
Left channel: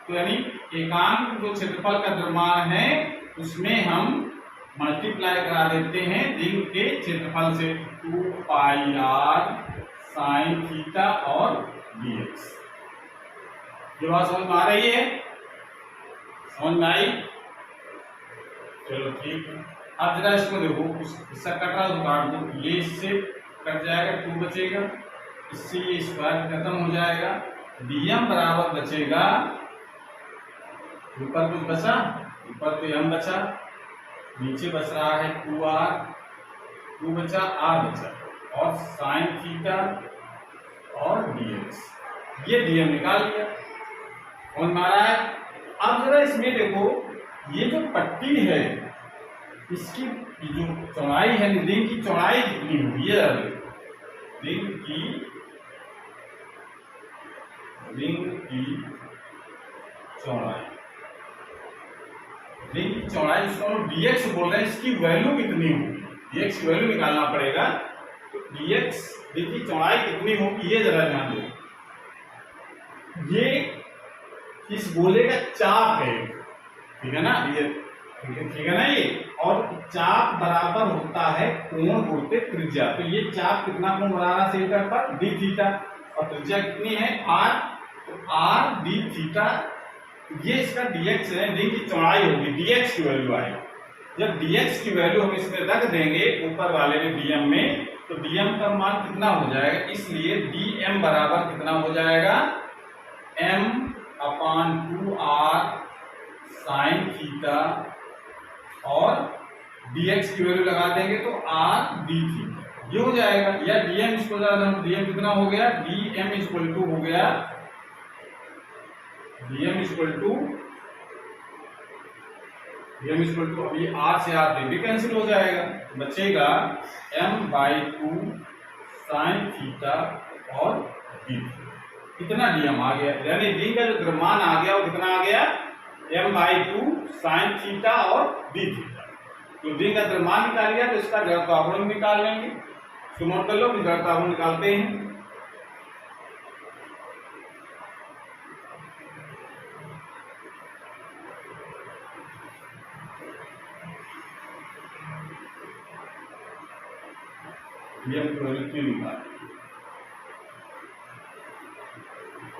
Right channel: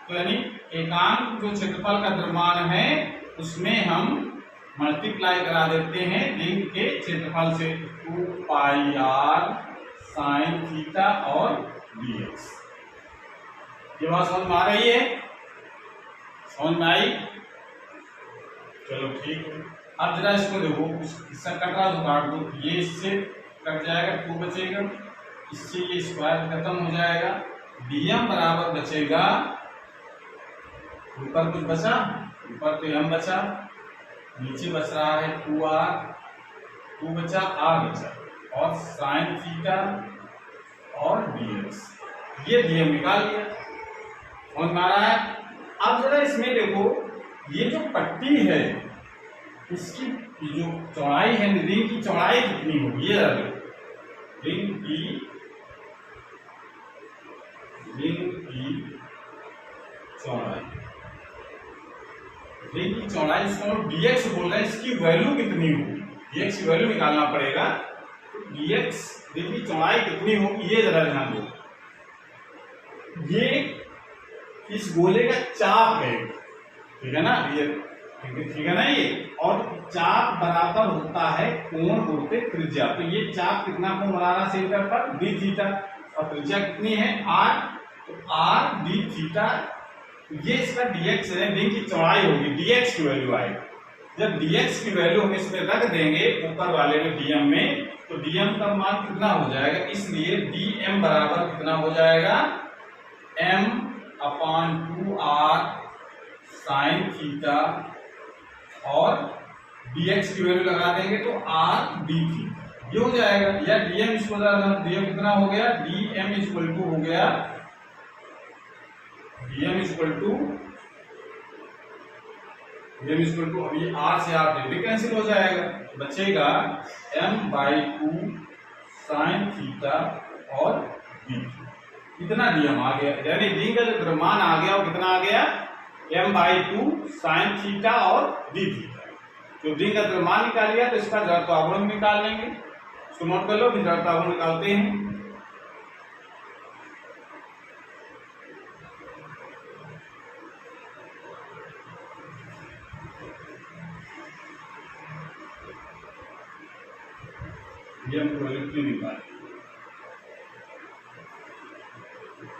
तो यानी एकांक जो क्षेत्रफल का द्रव्यमान है उसमें हम मल्टीप्लाई करा देते हैं रिंग के क्षेत्रफल से, 2 पाई r साइन थीटा और dx। ये बात समझ में आ रही है? समझ में आई? चलो ठीक है। अब जरा इसको देखो, हिस्सा कट रहा है काट दो, ये इससे कट जाएगा, 2 बचेगा, इससे ये स्क्वायर खत्म हो जाएगा, dm बराबर बचेगा, ऊपर कुछ बचा? ऊपर तो m बचा, नीचे बच रहा है 2r, 2 बचा, r बचा, और साइन थीटा और dx, ये dm निकाल लिया। समझ में आ रहा है? अब जरा इसमें देखो, ये जो पट्टी है इसकी जो चौड़ाई है, रिंग की चौड़ाई कितनी होगी? ये रिंग की चौड़ाई, रिंग की चौड़ाई इसको हम dx बोल रहे हैं, इसकी वैल्यू कितनी होगी? dx की वैल्यू निकालना पड़ेगा। तो dx, रिंग की चौड़ाई कितनी होगी ये जरा ध्यान दो। ये इस गोले का चाप है, ठीक है ना? ये ठीक है ना? ये और चाप बराबर होता है कोण गुणित त्रिज्या। तो ये चाप कितना कोण बना रहा है सेंटर पर? d थीटा, और त्रिज्या कितनी है? r, तो r d थीटा ये इसका dx है, रिंग की चौड़ाई होगी, dx की वैल्यू आएगी। जब dx की वैल्यू हम इसमें रख देंगे ऊपर वाले में dm में, तो dm का मान कितना हो जाएगा, इसलिए dm बराबर कितना हो जाएगा, m/2r sin थीटा, और dx की वैल्यू लगा देंगे तो r d थीटा, ये हो जाएगा। या dm इसको dm कितना हो गया, dm इक्वल टू हो गया, dm इक्वल टू अब ये r से r भी कैंसिल हो जाएगा, बचेगा m/2 sin थीटा और d। कितना dm आ गया, यानी d का जो द्रव्यमान आ गया वो कितना आ गया, m/2 sin थीटा और d थीटा। तो d का द्रव्यमान निकाल लिया, तो इसका जड़त्वाघूर्ण निकाल लेंगे। इसको नोट कर लो कि जड़त्वाघूर्ण निकालते हैं। dm की वैल्यू 3 निकाल,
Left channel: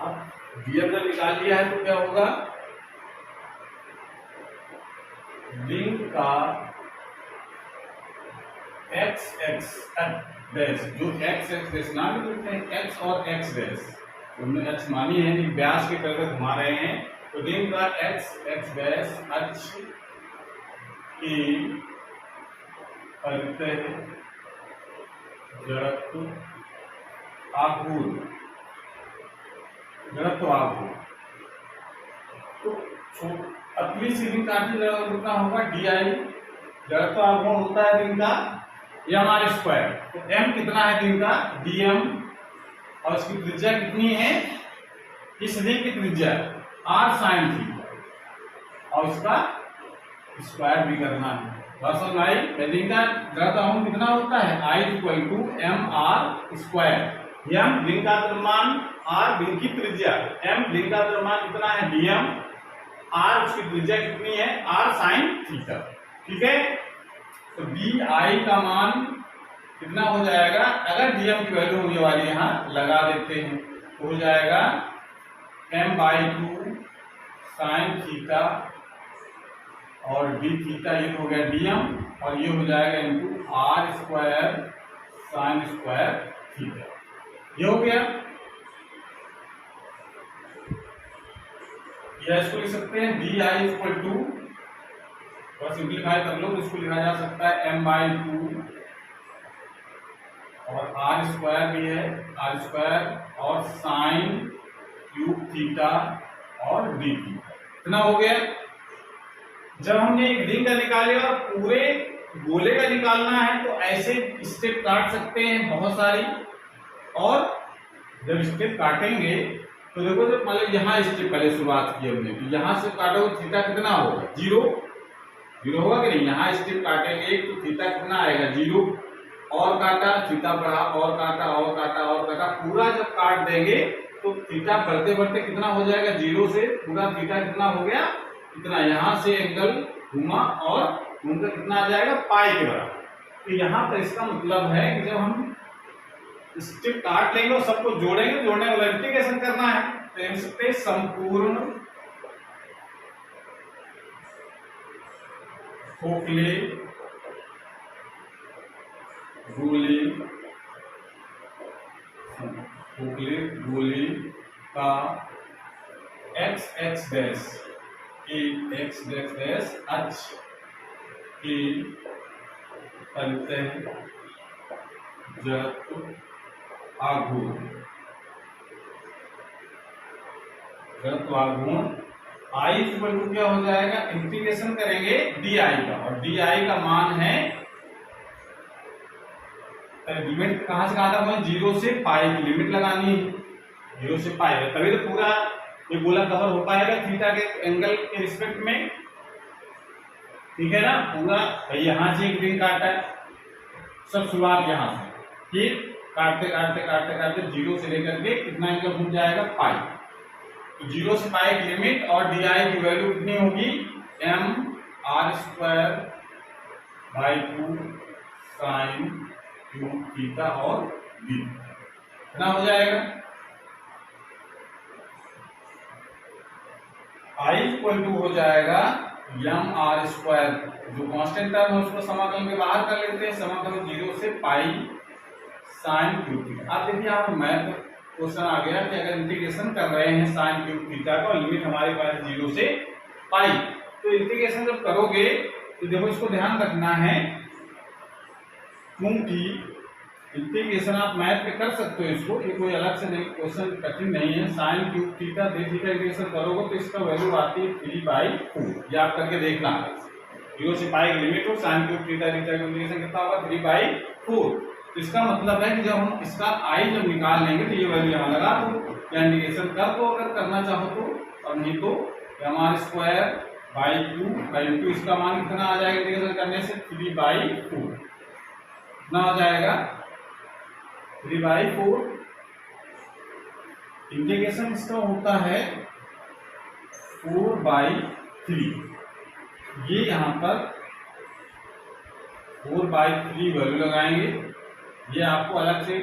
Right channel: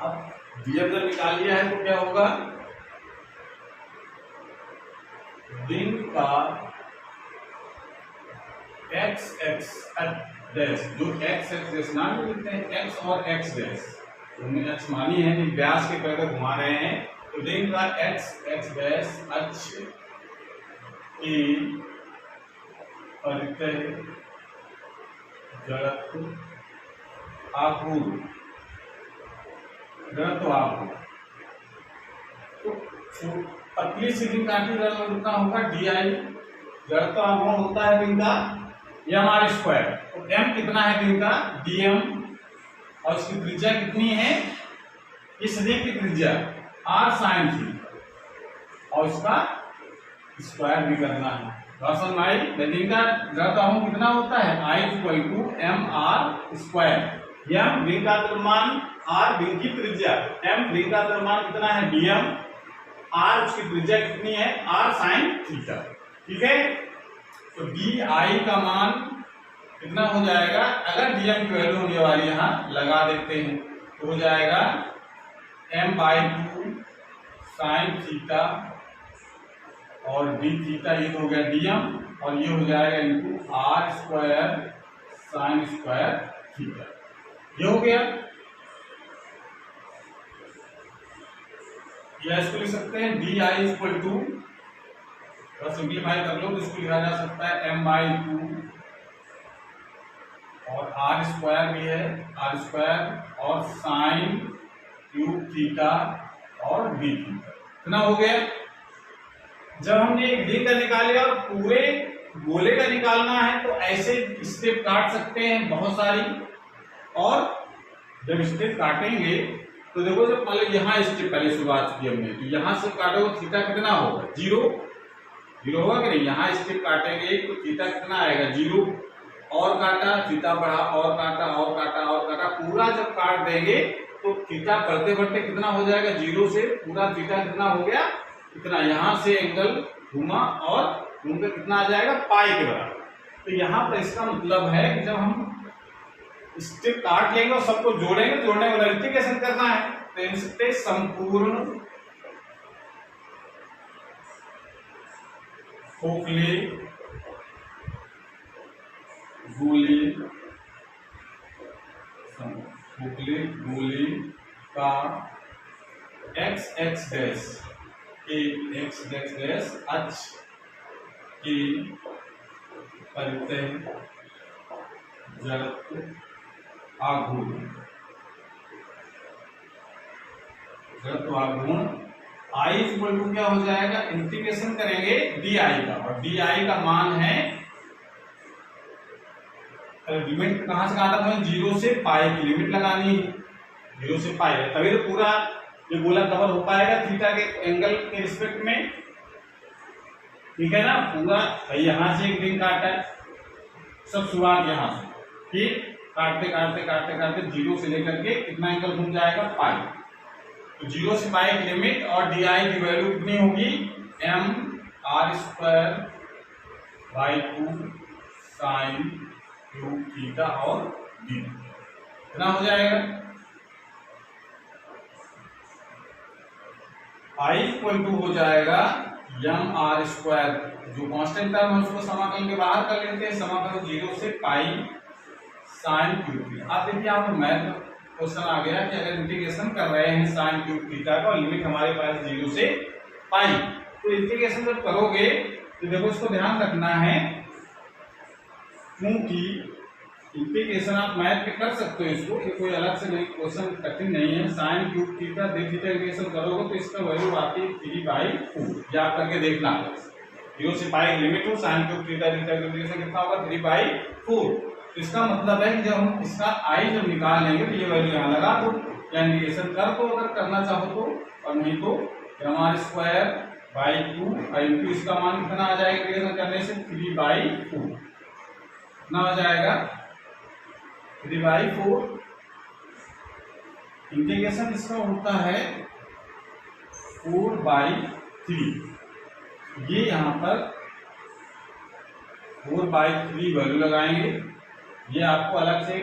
अब dm जब निकाल लिया है तो क्या होगा, रिंग का x डैश, जो x डैश नाम लिखते हैं, x और x डैश, हमने x मानी है कि व्यास के तरफ घुमा रहे हैं, तो रिंग का x डैश अक्ष की परितः जड़त्व आघूर्ण, तो पतली सी रिंग काटी कितना होगा, DI, जड़त्व आघूर्ण होता है रिंग का m/2, तो m कितना है रिंग का, dm, और इसकी त्रिज्या कितनी है, इस रिंग की त्रिज्या r sin थीटा, और इसका स्क्वायर भी करना है। समझ आई, रिंग का जड़त्व आघूर्ण कितना होता है, I = mr², m रिंग का द्रव्यमान, r रिंग की त्रिज्या, m रिंग का द्रव्यमान कितना है, dm, r उसकी त्रिज्या कितनी है, r sin थीटा। ठीक है, तो di का मान कितना हो जाएगा, अगर dm की वैल्यू हम ये वाली यहाँ लगा देते हैं तो हो जाएगा m/2 sin थीटा और d थीटा, ये तो हो गया dm, और ये हो जाएगा इनटू r² sin² थीटा, ये हो गया। या इसको लिख सकते हैं di इक्वल टू, तो सिंप्लीफाई कर लो तो इसको लिखा जा सकता है m/2 और r² भी है, r² और साइन क्यूब थीटा और d थीटा, कितना हो गया। जब हमने एक रिंग का निकाल लिया और पूरे गोले का निकालना है तो ऐसे स्टेप काट सकते हैं बहुत सारी, और जब स्टेप काटेंगे तो देखो, जब मतलब यहाँ स्टेप पहले शुरुआत की हमने, तो यहाँ से काटो थीटा कितना होगा, 0 होगा कि नहीं, यहाँ स्टेप काटेंगे तो थीटा कितना आएगा, 0, और काटा थीटा बढ़ा, और काटा और काटा और काटा, पूरा जब काट देंगे तो थीटा बढ़ते बढ़ते कितना हो जाएगा, 0 से पूरा थीटा कितना हो गया, इतना, यहाँ से एंगल घुमा और घूमकर कितना आ जाएगा, पाई के बराबर। तो यहाँ पर इसका मतलब है कि जब हम स्टेप काट लेंगे और सबको जोड़ेंगे, जोड़ने का मल्टीप्लिकेशन करना है, तो इन सकते संपूर्ण खोखले गोले का x डैश अक्ष की परितः जड़त्व आघूर्ण I इक्वल टू क्या हो जाएगा, इंटीग्रेशन करेंगे di का, और di का मान है, लिमिट कहां से कहां तक है, 0 से पाई की लिमिट लगानी है, 0 से पाई है, तभी तो पूरा ये गोला कवर हो पाएगा थीटा के एंगल के रिस्पेक्ट में। ठीक है ना, पूरा भाई यहां से एक रिंग काटा है, सब शुरुआत यहां से, फिर काटते काटते काटते काटते 0 से लेकर के कितना एंगल घूम जाएगा, पाई, तो 0 से पाई की लिमिट, और di की वैल्यू कितनी होगी, mr²/2 sin क्यूब थीटा और d, कितना हो जाएगा, I इक्वल टू हो जाएगा एम आर स्क्वायर, जो कांस्टेंट टर्म है उसको समाकलन के बाहर कर लेते हैं, समाकलन 0 से पाई साइन क्यूब थीटा। आप देखिए यहाँ पर मैथ क्वेश्चन आ गया कि अगर इंटीग्रेशन कर रहे हैं साइन क्यूब थीटा का, लिमिट हमारे पास 0 से पाई, तो इंटीग्रेशन जब करोगे तो देखो इसको ध्यान रखना है, क्योंकि इंटीग्रेशन आप मैथ पे कर सकते हो इसको, ये कोई अलग से नहीं, क्वेश्चन कठिन नहीं है। साइन क्यूब थीटा दे थीटा इंटीग्रेशन करोगे तो इसका वैल्यू आती है 3/4, याद करके देखना है। 0 से पाई की लिमिट हो, साइन क्यूब थीटा थीटा का इंटीग्रेशन कितना होगा 3/4। तो इसका मतलब है कि जब हम इसका आई जब निकाल लेंगे तो ये वैल्यू यहाँ लगा दो, या इंटीग्रेशन कर दो अगर करना चाहो तो, और नहीं तो mr²/2 इंटू इसका मान कितना आ जाएगा इंटीग्रेशन करने से 3/4 कितना हो जाएगा 3/4। इंटीग्रेशन इसका होता है 4/3, ये यहाँ पर 4/3 वैल्यू लगाएंगे। ये आपको अलग से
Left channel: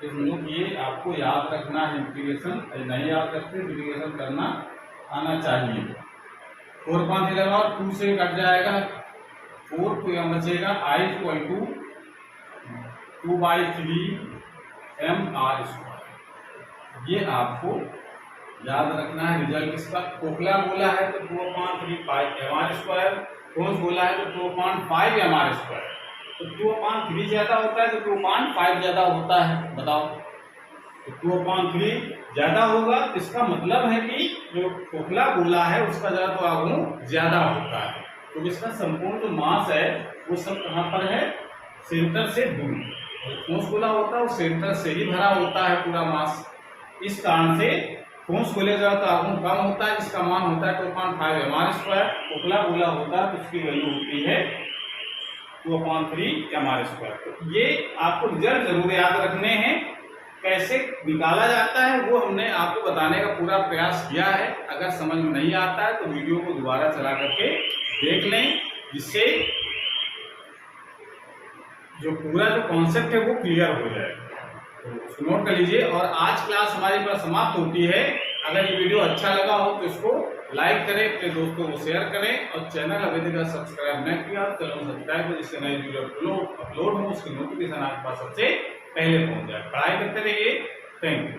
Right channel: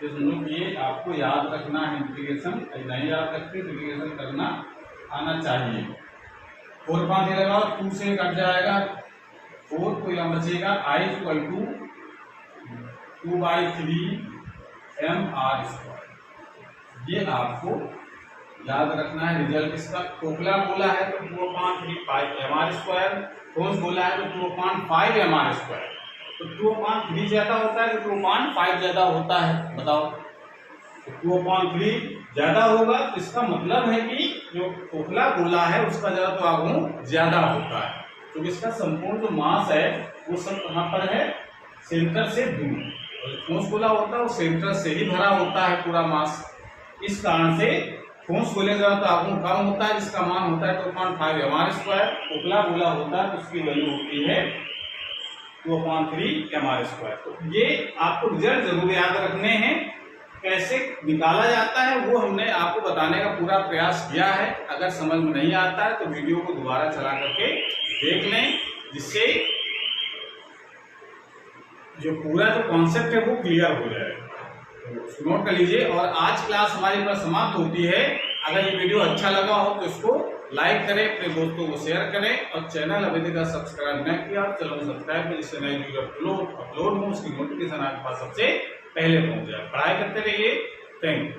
समझो कि ये आपको याद रखना है, इंटीग्रेशन नहीं याद रखते इंटीग्रेशन करना आना चाहिए। 4/5 लगाओ, 2 से कट जाएगा 4, तो यहाँ बचेगा I इक्वल टू 2/3 mr²। ये आपको याद रखना है। रिजल्ट इसका खोखला गोला है तो 2/3 पाई mr², ठोस गोला है तो 2/5 mr²। तो 2/3 ज्यादा होता है तो 2/5 ज्यादा होता है, बताओ। तो 2/3 ज्यादा होगा तो इसका मतलब है कि जो खोखला गोला है उसका ज्यादा तो आघूर्ण ज्यादा होता है, तो इसका संपूर्ण जो मास है वो सब कहाँ पर है, सेंटर से दूर। और ठोस गोला होता है वो सेंटर से ही भरा होता है पूरा मास, इस कारण से ठोस गोले का तो आघूर्ण कम होता है, जिसका मान होता है 2/5 mr²। खोखला गोला होता है तो उसकी वैल्यू होती है 2/3 mr²। तो ये आपको रिजल्ट जरूर याद रखने हैं, कैसे निकाला जाता है वो हमने आपको बताने का पूरा प्रयास किया है। अगर समझ में नहीं आता है तो वीडियो को दोबारा चला करके देख लें, जिससे जो पूरा जो कॉन्सेप्ट है वो क्लियर हो जाए। तो उसको नोट कर लीजिए। और आज क्लास हमारी पर समाप्त होती है। अगर ये वीडियो अच्छा लगा हो तो इसको लाइक करें, अपने दोस्तों को शेयर करें, और चैनल अभी तक सब्सक्राइब नहीं किया तो चैनल सब्सक्राइब करें, जिससे नई वीडियो अपलोड हो उसकी नोटिफिकेशन आपके पास सबसे पहले पहुंच जाए। पढ़ाई करते रहिए। Thank you.